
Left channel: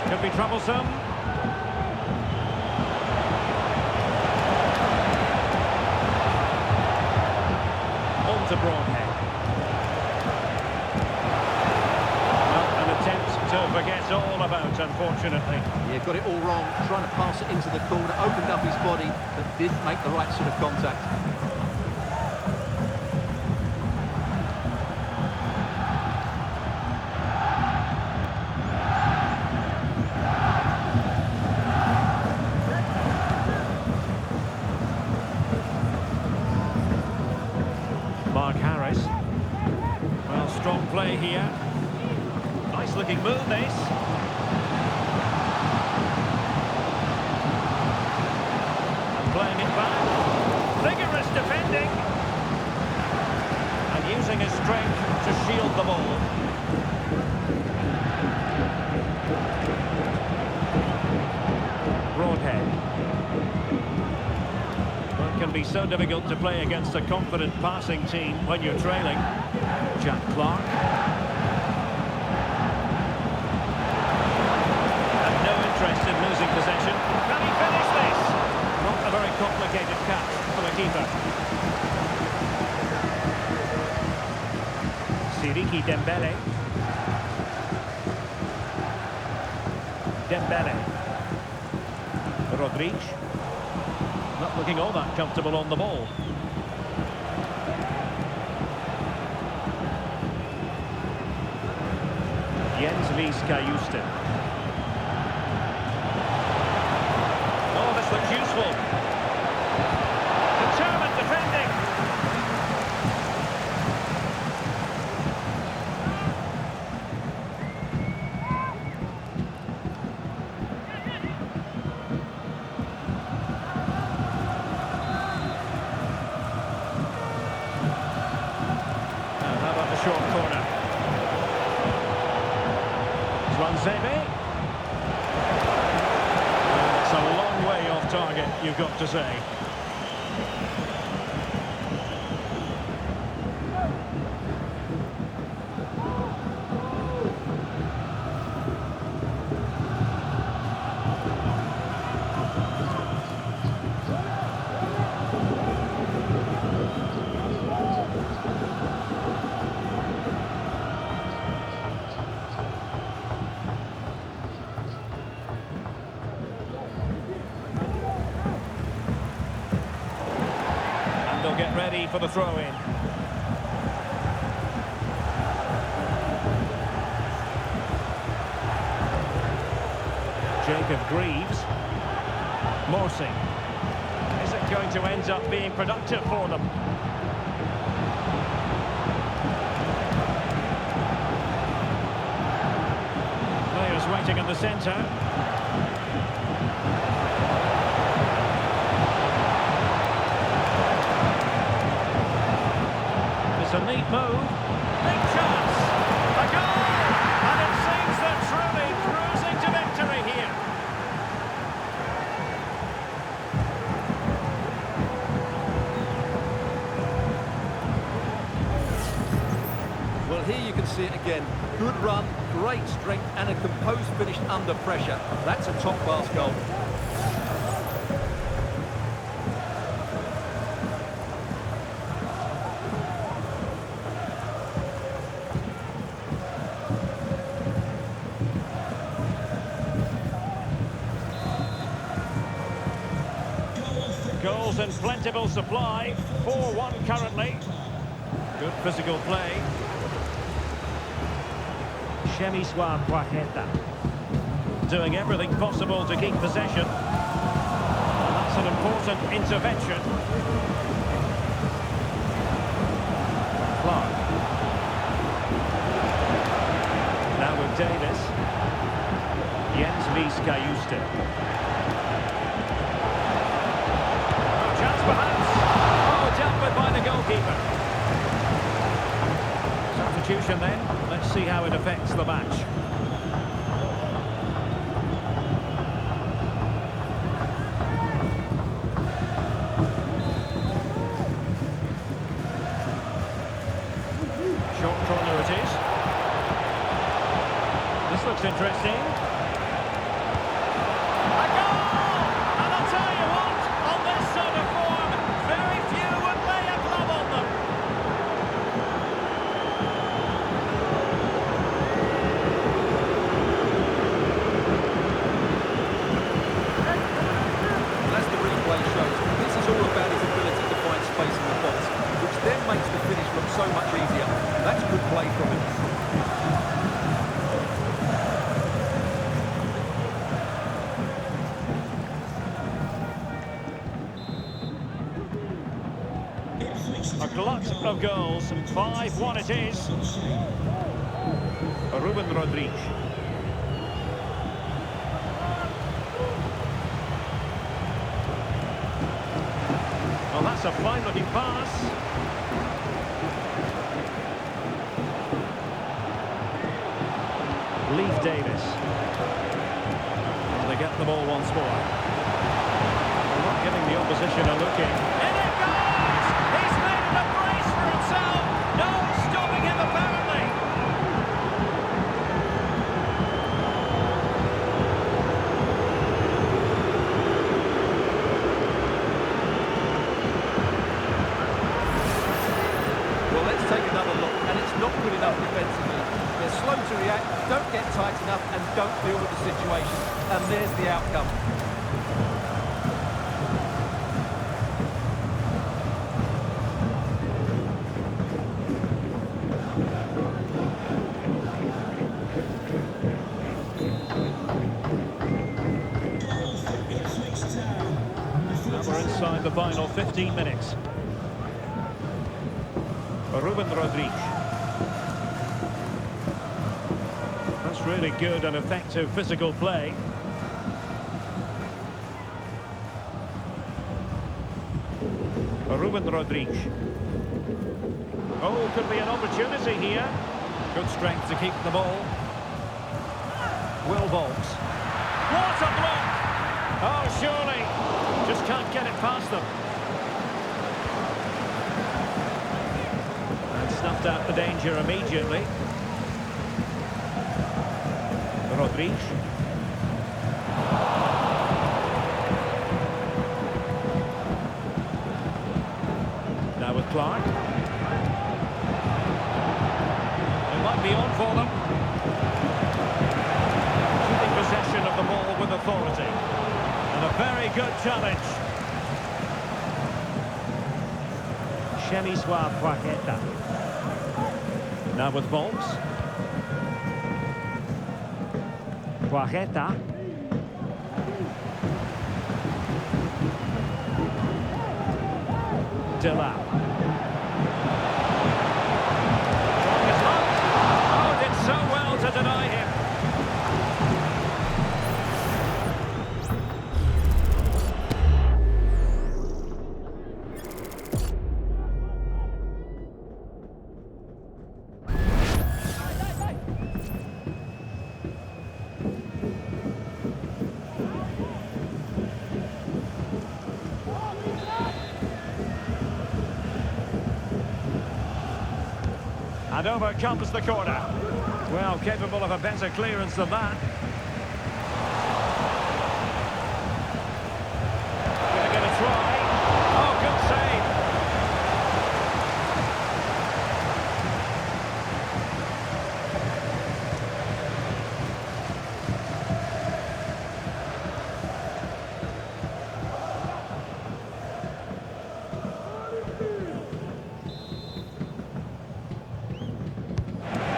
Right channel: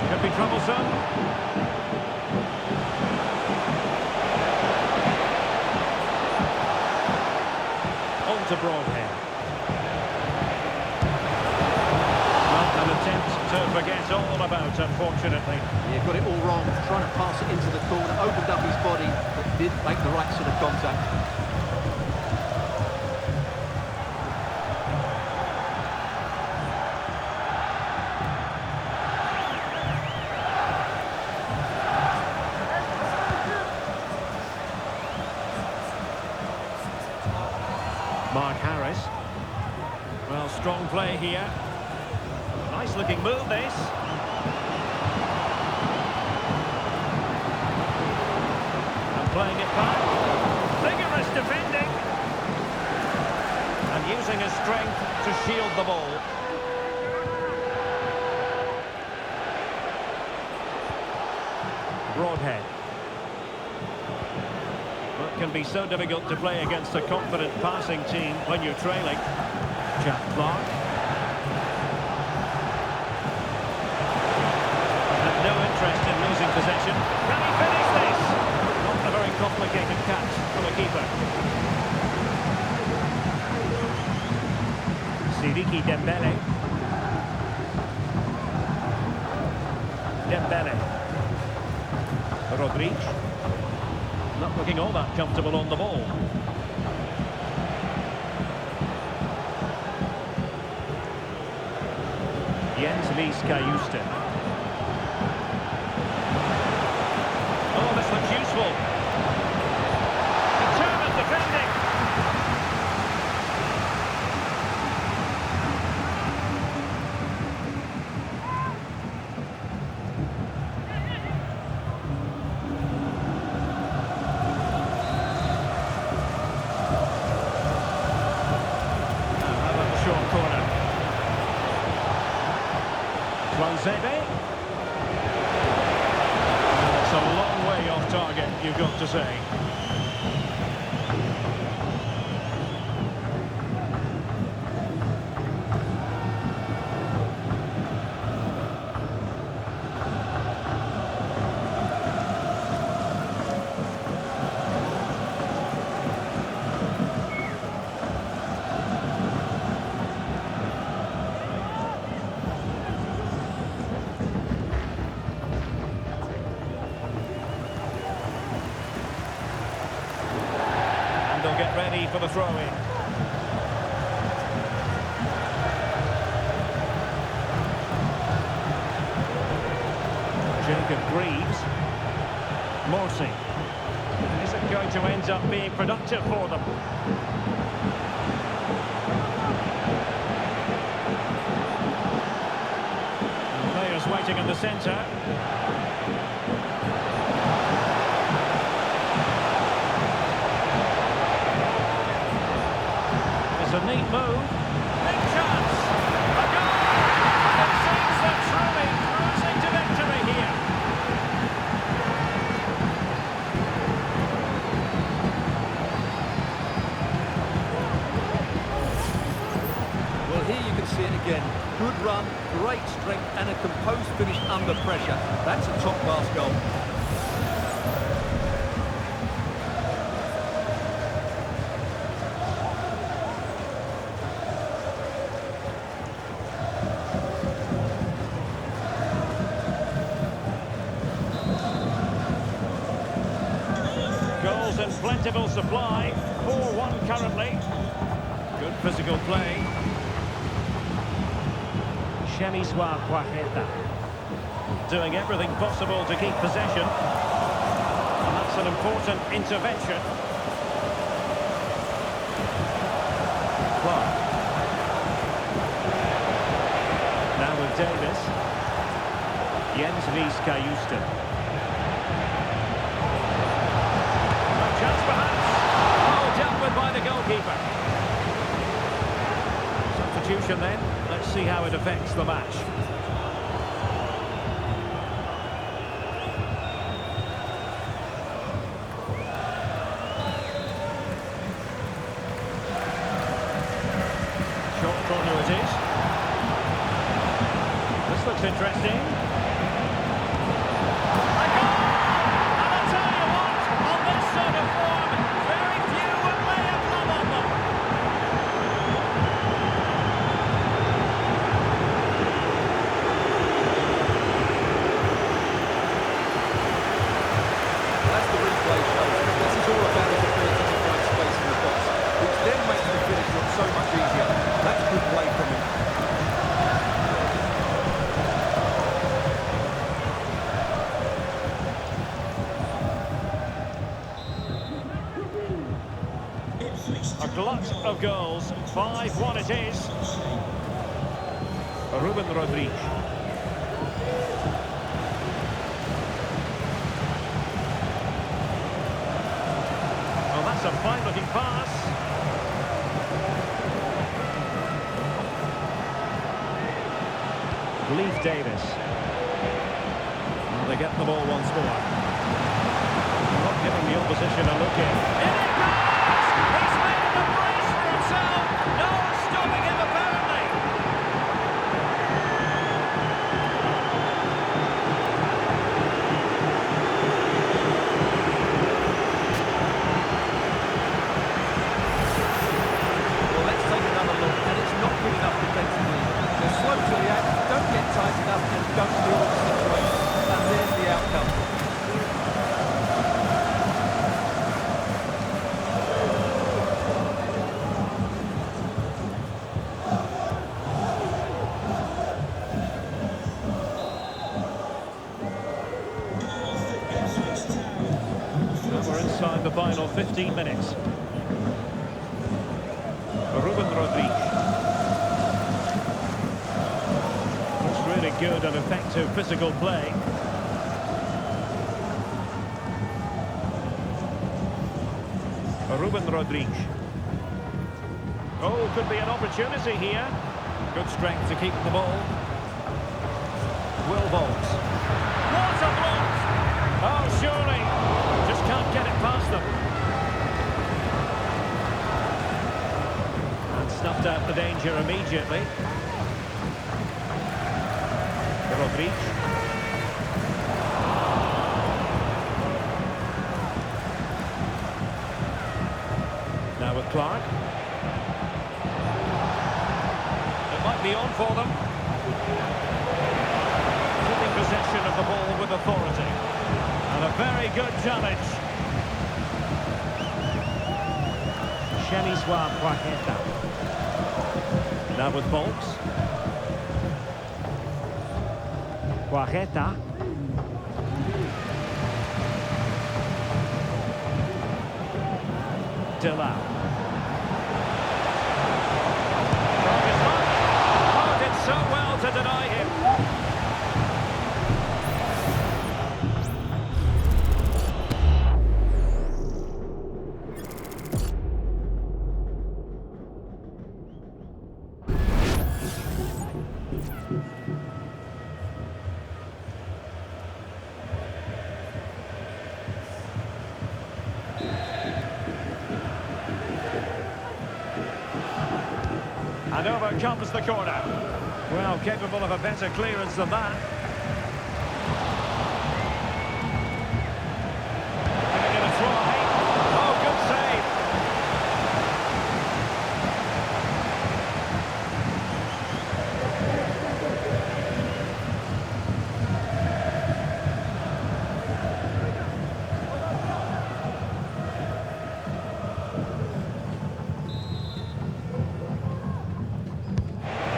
Could be troublesome. On to Broadhead. Well, an attempt to forget all about, unfortunately. Yeah, got it all wrong. Trying to pass it into the corner, opened up his body, but didn't make the right sort of contact. play here. Nice looking move, this. And playing it back. Vigorous defending. And using his strength to shield the ball. Broadhead. Well, it can be so difficult to play against a confident passing team when you're trailing. Jack Clark. Had no interest in losing possession. Can he finish this? Not a very complicated catch for the keeper. Siriki Dembele. Dembele. Rodriguez. Not looking all that comfortable on the ball. Jens Ries Kajusten. Oh, this looks useful. Determined defending. Now, how about the short corner? Zebe. And it's a long way off target, you've got to say. They'll get ready for the throw-in. Jacob Greaves. Morsi. Is it going to end up being productive for them? Players waiting in the centre. It's a neat move. Big chance. A goal! And it seems they're truly cruising to victory here. Well, here you can see it again. Good run, great strength, and a composed finish under pressure. That's a top-class goal. Goals in plentiful supply. 4-1 currently. Good physical play. Shemiswa Quajeta. Doing everything possible to keep possession. And that's an important intervention. Clark. Now with Davis. Jens Ries Kajusten. Chance perhaps. Oh, dealt with by the goalkeeper. Substitution then. Let's see how it affects the match. Short corner it is. This looks interesting. As the replay shows, this is all about his ability to find space in the box, which then makes the finish look so much easier. That's good play from him. Ipswich A glut of goals. 5-1 it is. Ruben Rodriguez. Well, that's a fine-looking pass. Leif Davis. Well, they get the ball once more. They're not giving the opposition a look in. In it goes! He's made it a brace for himself. No stopping him, apparently. Well, let's take another look, and it's not good enough defensively. They're slow to react, don't get tight enough, and don't deal with the situation. And there's the outcome. Goal for Ipswich Town. Now we're inside the final 15 minutes. Ruben Rodriguez. That's really good and effective physical play. Ruben Rodriguez. Oh, could be an opportunity here. Good strength to keep the ball. Will Volks. What a block! Oh, surely. Just can't get it past them. And snuffed out the danger immediately. Rodriguez. Now with Clark. It might be on for them. Keeping possession of the ball with authority. And a very good challenge. Chemiswa Quajeta. Now with Volks. Quajeta. Dilau. Trying his luck. Oh, did so well to deny him. And over comes the corner. Well, capable of a better clearance than that. Gonna get a try. Oh, good save.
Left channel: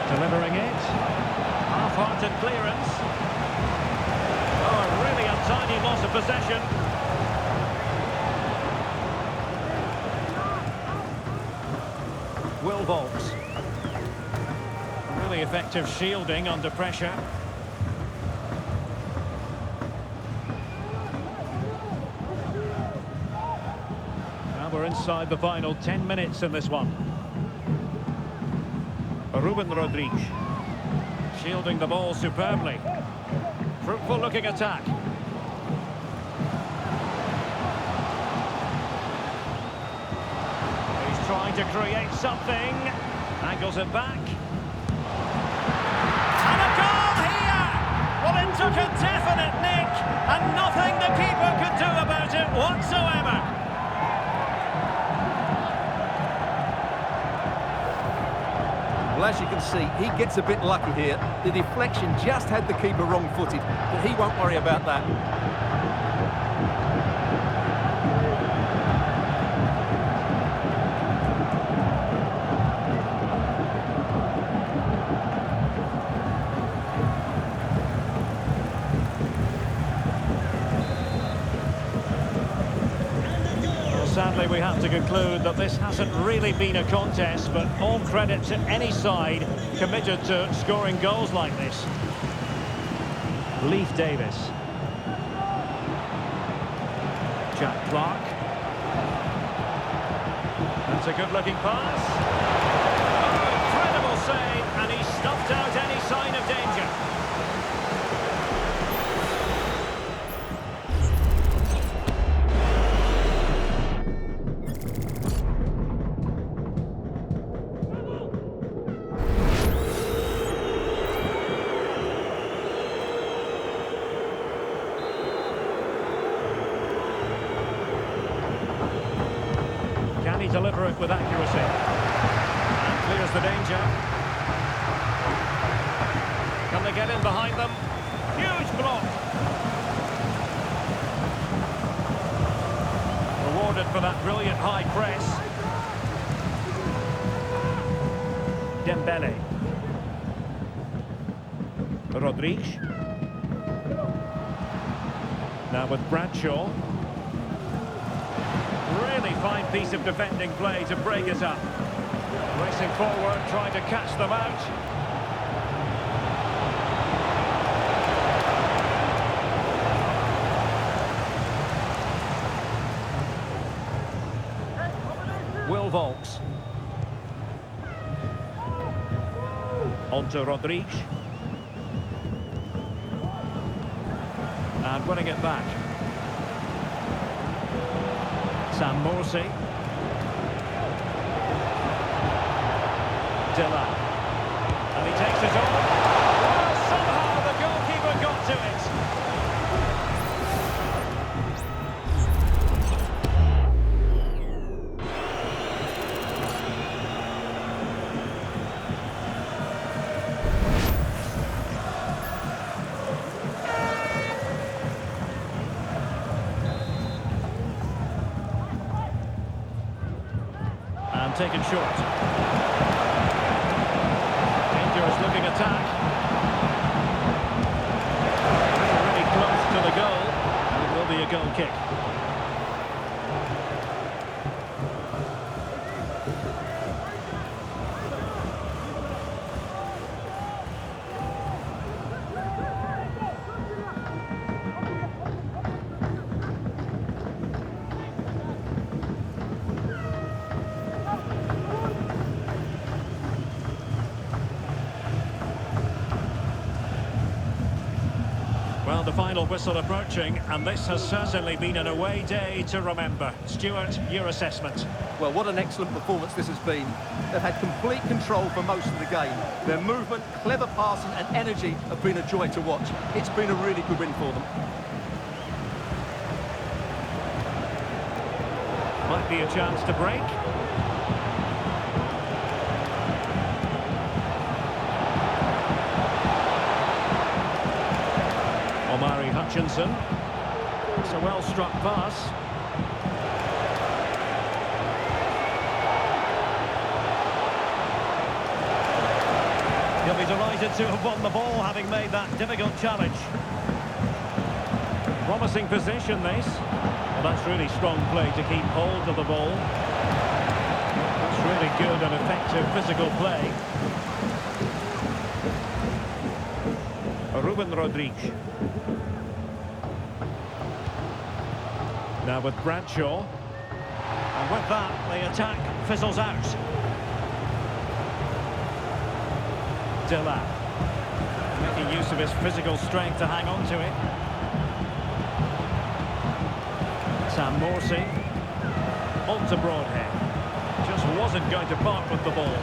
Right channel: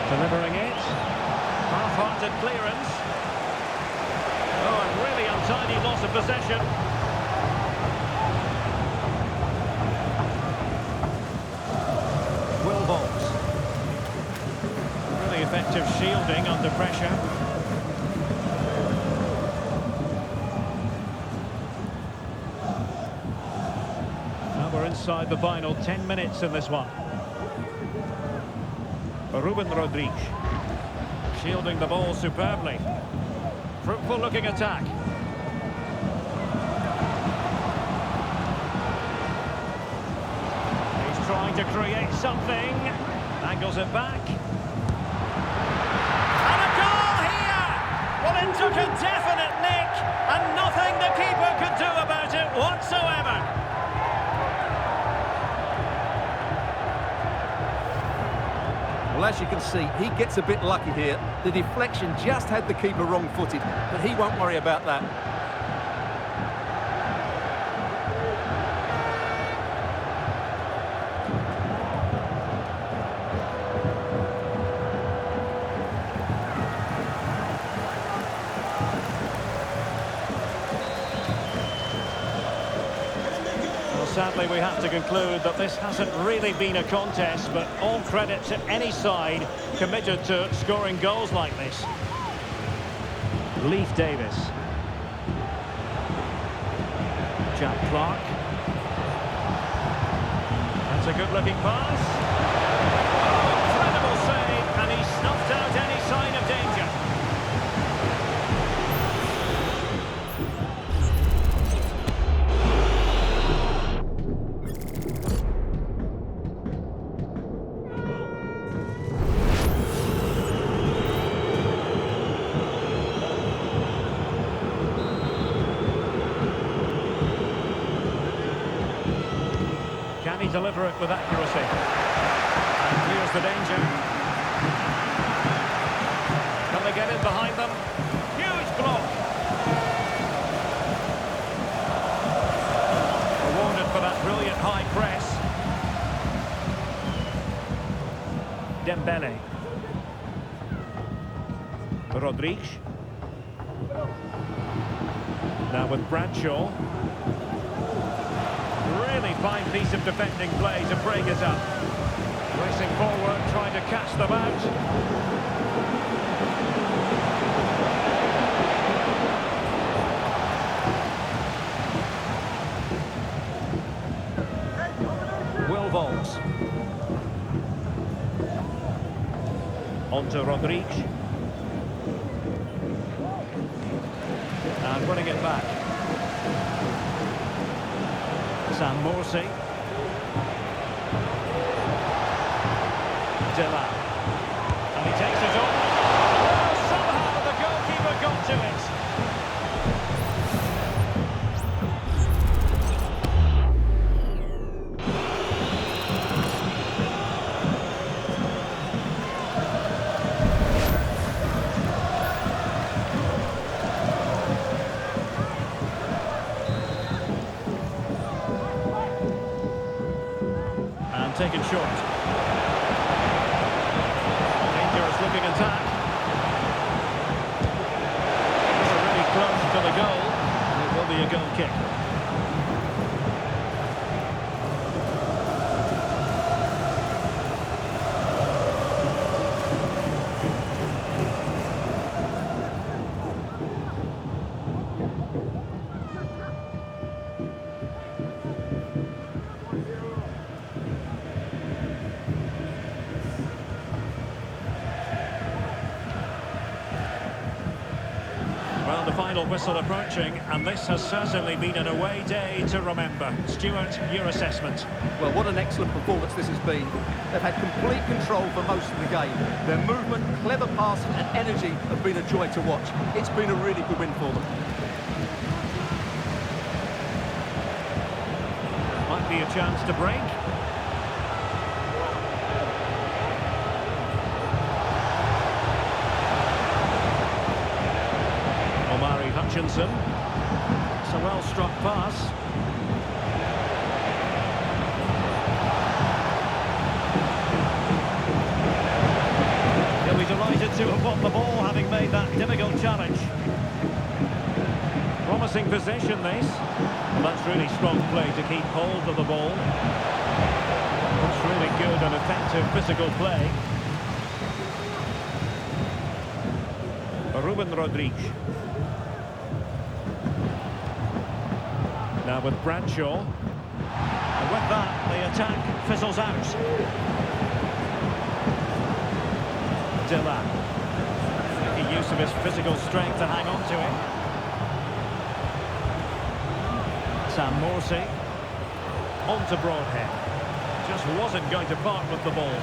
Delivering it. Half-hearted clearance. Oh, a really untidy loss of possession. Will Volks. Really effective shielding under pressure. Now we're inside the final 10 minutes in this one. Ruben Rodriguez. Shielding the ball superbly. Fruitful looking attack. He's trying to create something. Angles it back. And a goal here! Well, it took a definite nick, and nothing the keeper could do about it whatsoever. Well, as you can see, he gets a bit lucky here. The deflection just had the keeper wrong-footed, but he won't worry about that. Sadly, we have to conclude that this hasn't really been a contest, but all credit to any side committed to scoring goals like this. Leif Davis. Jack Clark. That's a good-looking pass. Oh, incredible save, and he snuffed out any sign of danger. Can he deliver it with accuracy? And clears the danger. Can they get in behind them? Huge block. Rewarded for that brilliant high press. Dembele. Rodriguez. Now with Bradshaw. Really fine piece of defending play to break it up. Racing forward, trying to catch them out. Will Volks. On to Rodriguez. And winning it back. Sam Morsey. Dilla. And he takes it on. Well, somehow the goalkeeper got to it. Taken short. Dangerous looking attack. Really close to the goal, and it will be a goal kick. Well, the final whistle approaching, and this has certainly been an away day to remember. Stuart, your assessment? Well, what an excellent performance this has been. They've had complete control for most of the game. Their movement, clever passing and energy have been a joy to watch. It's been a really good win for them. Might be a chance to break. Omari Hutchinson. It's a well-struck pass. He'll be delighted to have won the ball, having made that difficult challenge. Promising position, this. Well, that's really strong play to keep hold of the ball. That's really good and effective physical play. Ruben Rodriguez. Now with Bradshaw. And with that, the attack fizzles out. Dilla. Making use of his physical strength to hang on to it. Sam Morsey. On to Broadhead. Just wasn't going to part with the ball.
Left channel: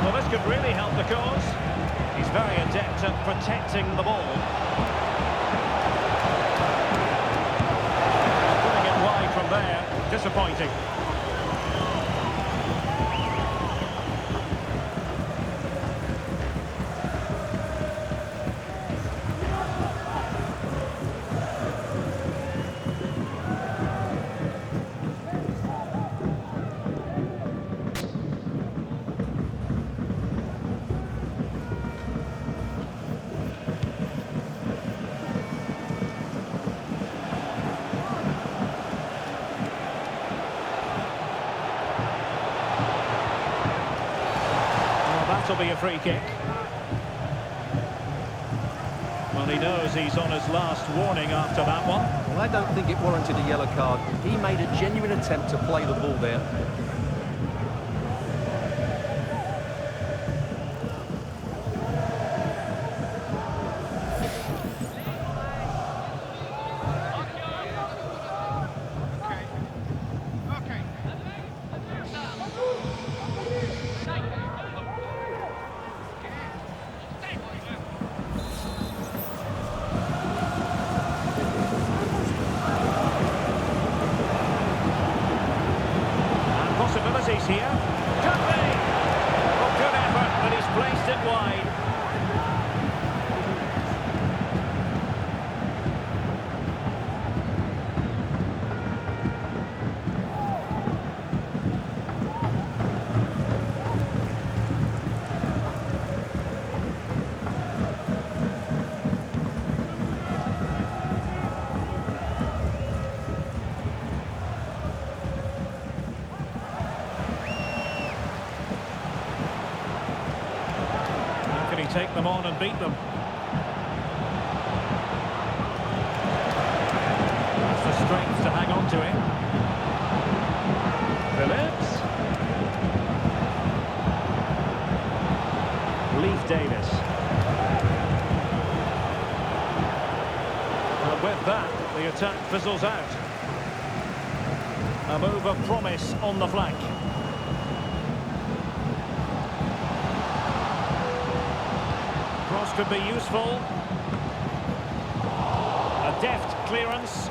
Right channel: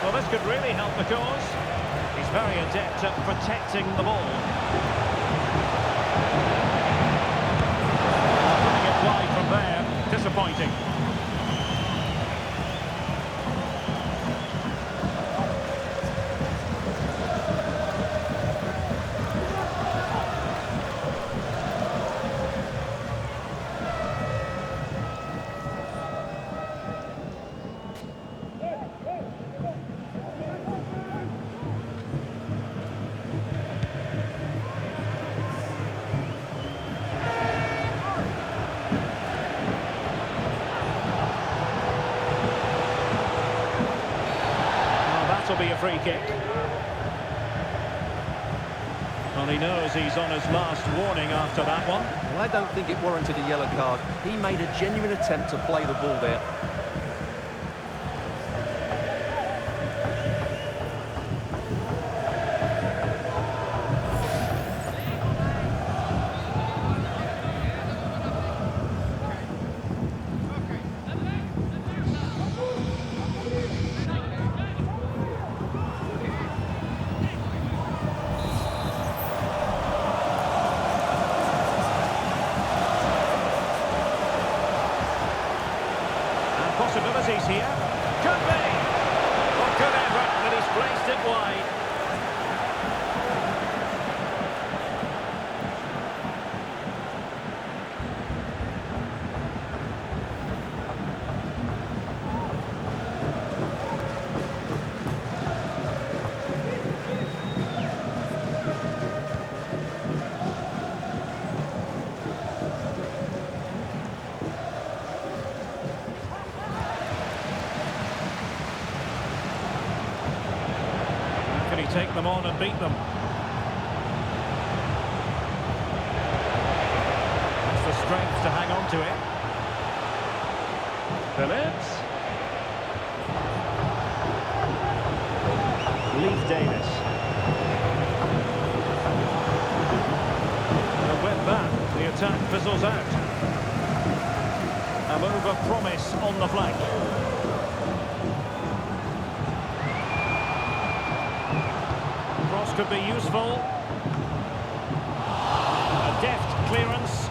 Well, this could really help the cause. He's very adept at protecting the ball. Putting it wide from there, disappointing. This will be a free kick. Well, he knows he's on his last warning after that one. Well, I don't think it warranted a yellow card. He made a genuine attempt to play the ball there. Possibilities here. Could be. Well, good effort, but he's placed it wide. Can he take them on and beat them? That's the strength to hang on to it. Phillips. Leaf Davis. And with that, the attack fizzles out. A move of promise on the flank. Cross could be useful. A deft clearance.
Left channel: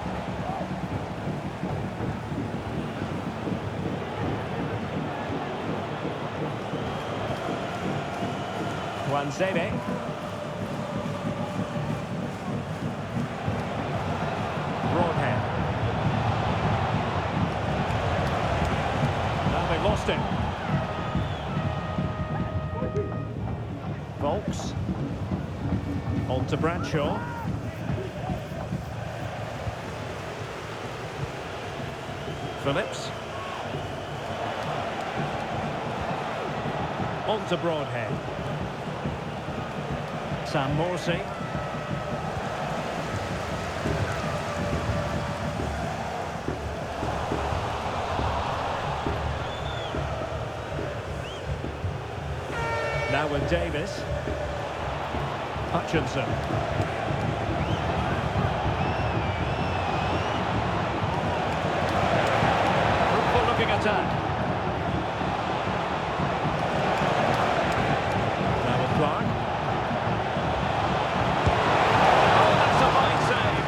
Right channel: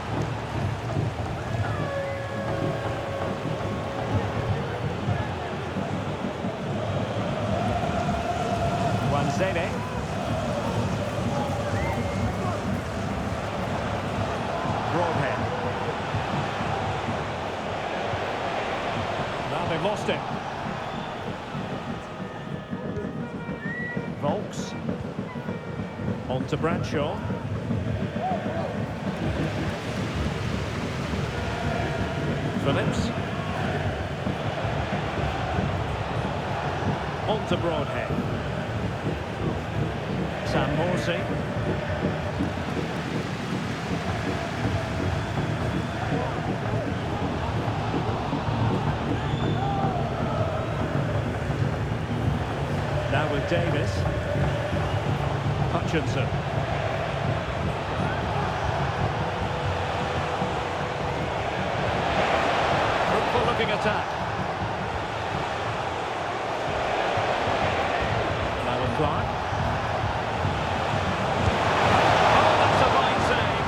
Wanzede. Broadhead. Now they've lost it. Volks. On to Bradshaw. Phillips. On to Broadhead. Sam Morsey. Now with Davis. Hutchinson. Fruitful looking attack. Now with Clark. Oh, that's a fine save.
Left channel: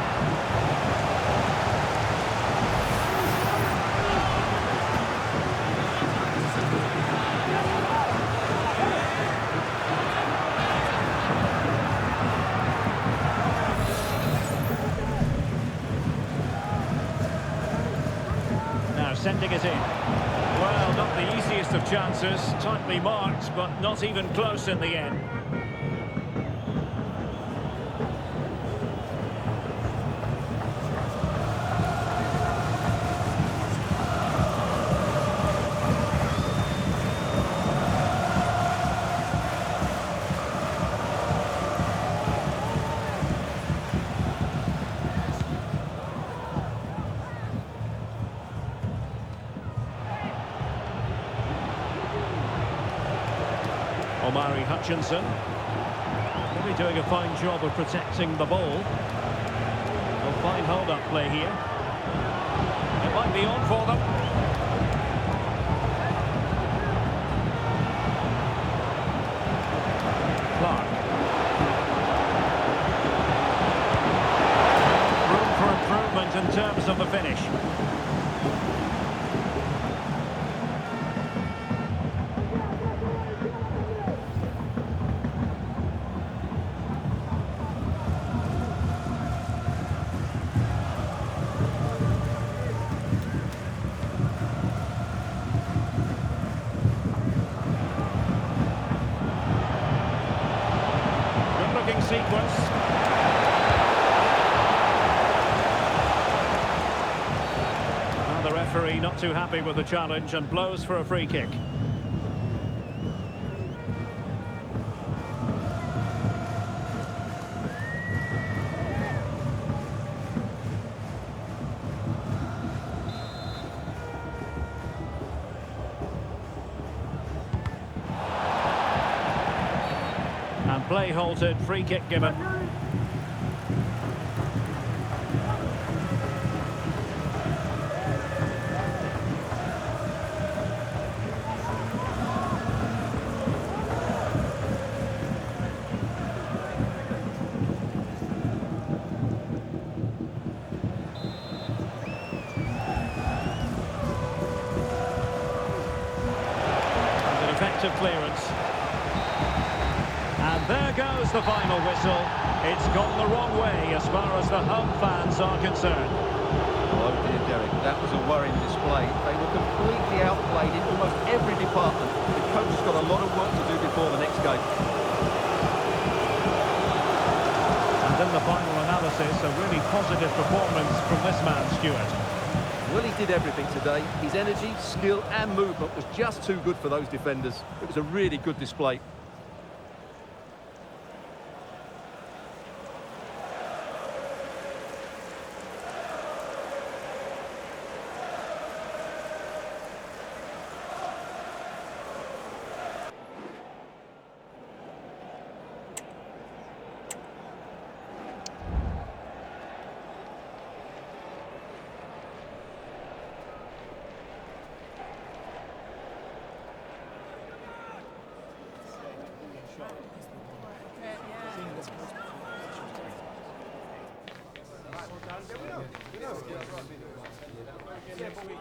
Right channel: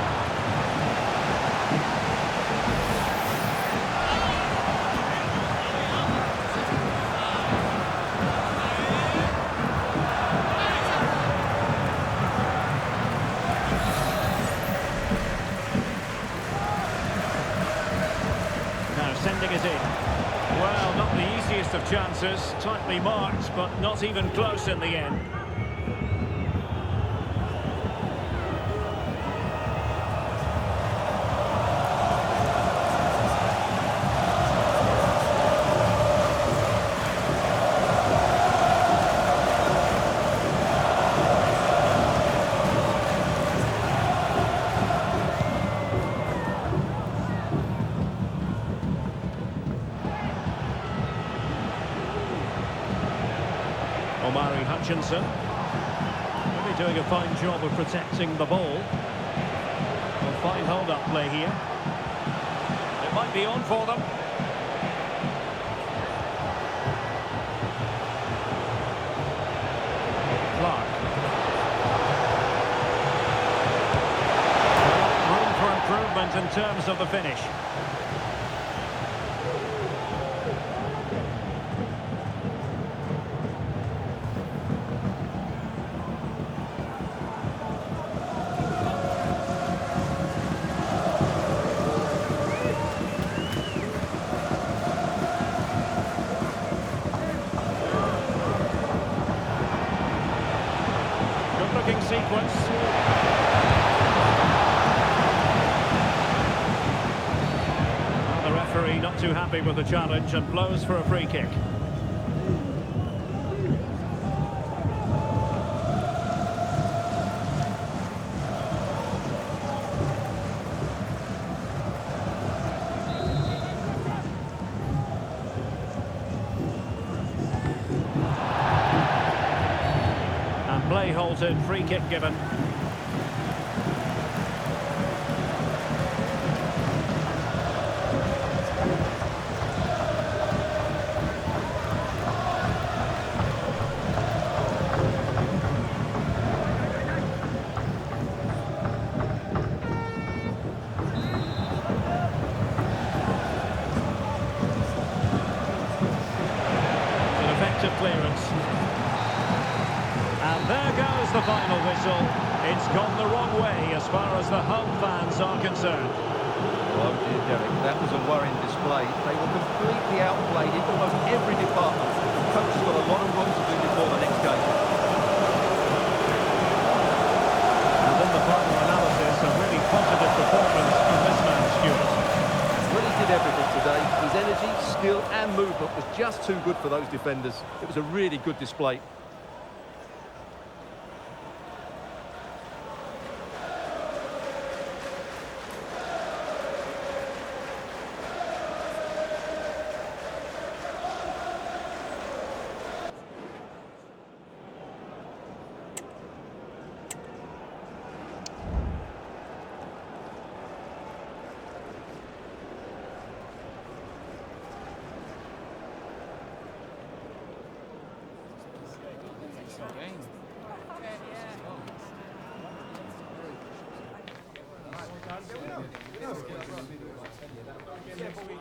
Now sending it in. Well, not the easiest of chances. Tightly marked, but not even close in the end. Omari Hutchinson. Really doing a fine job of protecting the ball. Well, fine hold-up play here. It might be on for them. Clark. Well, room for improvement in terms of the finish. Looking sequence. Well, the referee not too happy with the challenge and blows for a free kick. Play halted, free kick given. An effective clearance. And there goes the final whistle. It's gone the wrong way as far as the home fans are concerned. Oh dear, Derek, that was a worrying display. They were completely outplayed in almost every department. The coach has got a lot of work to do before the next game. And in the final analysis, a really positive performance from this man, Stuart. Well, he did everything today. His energy, skill and movement was just too good for those defenders. It was a really good display. Yeah, but we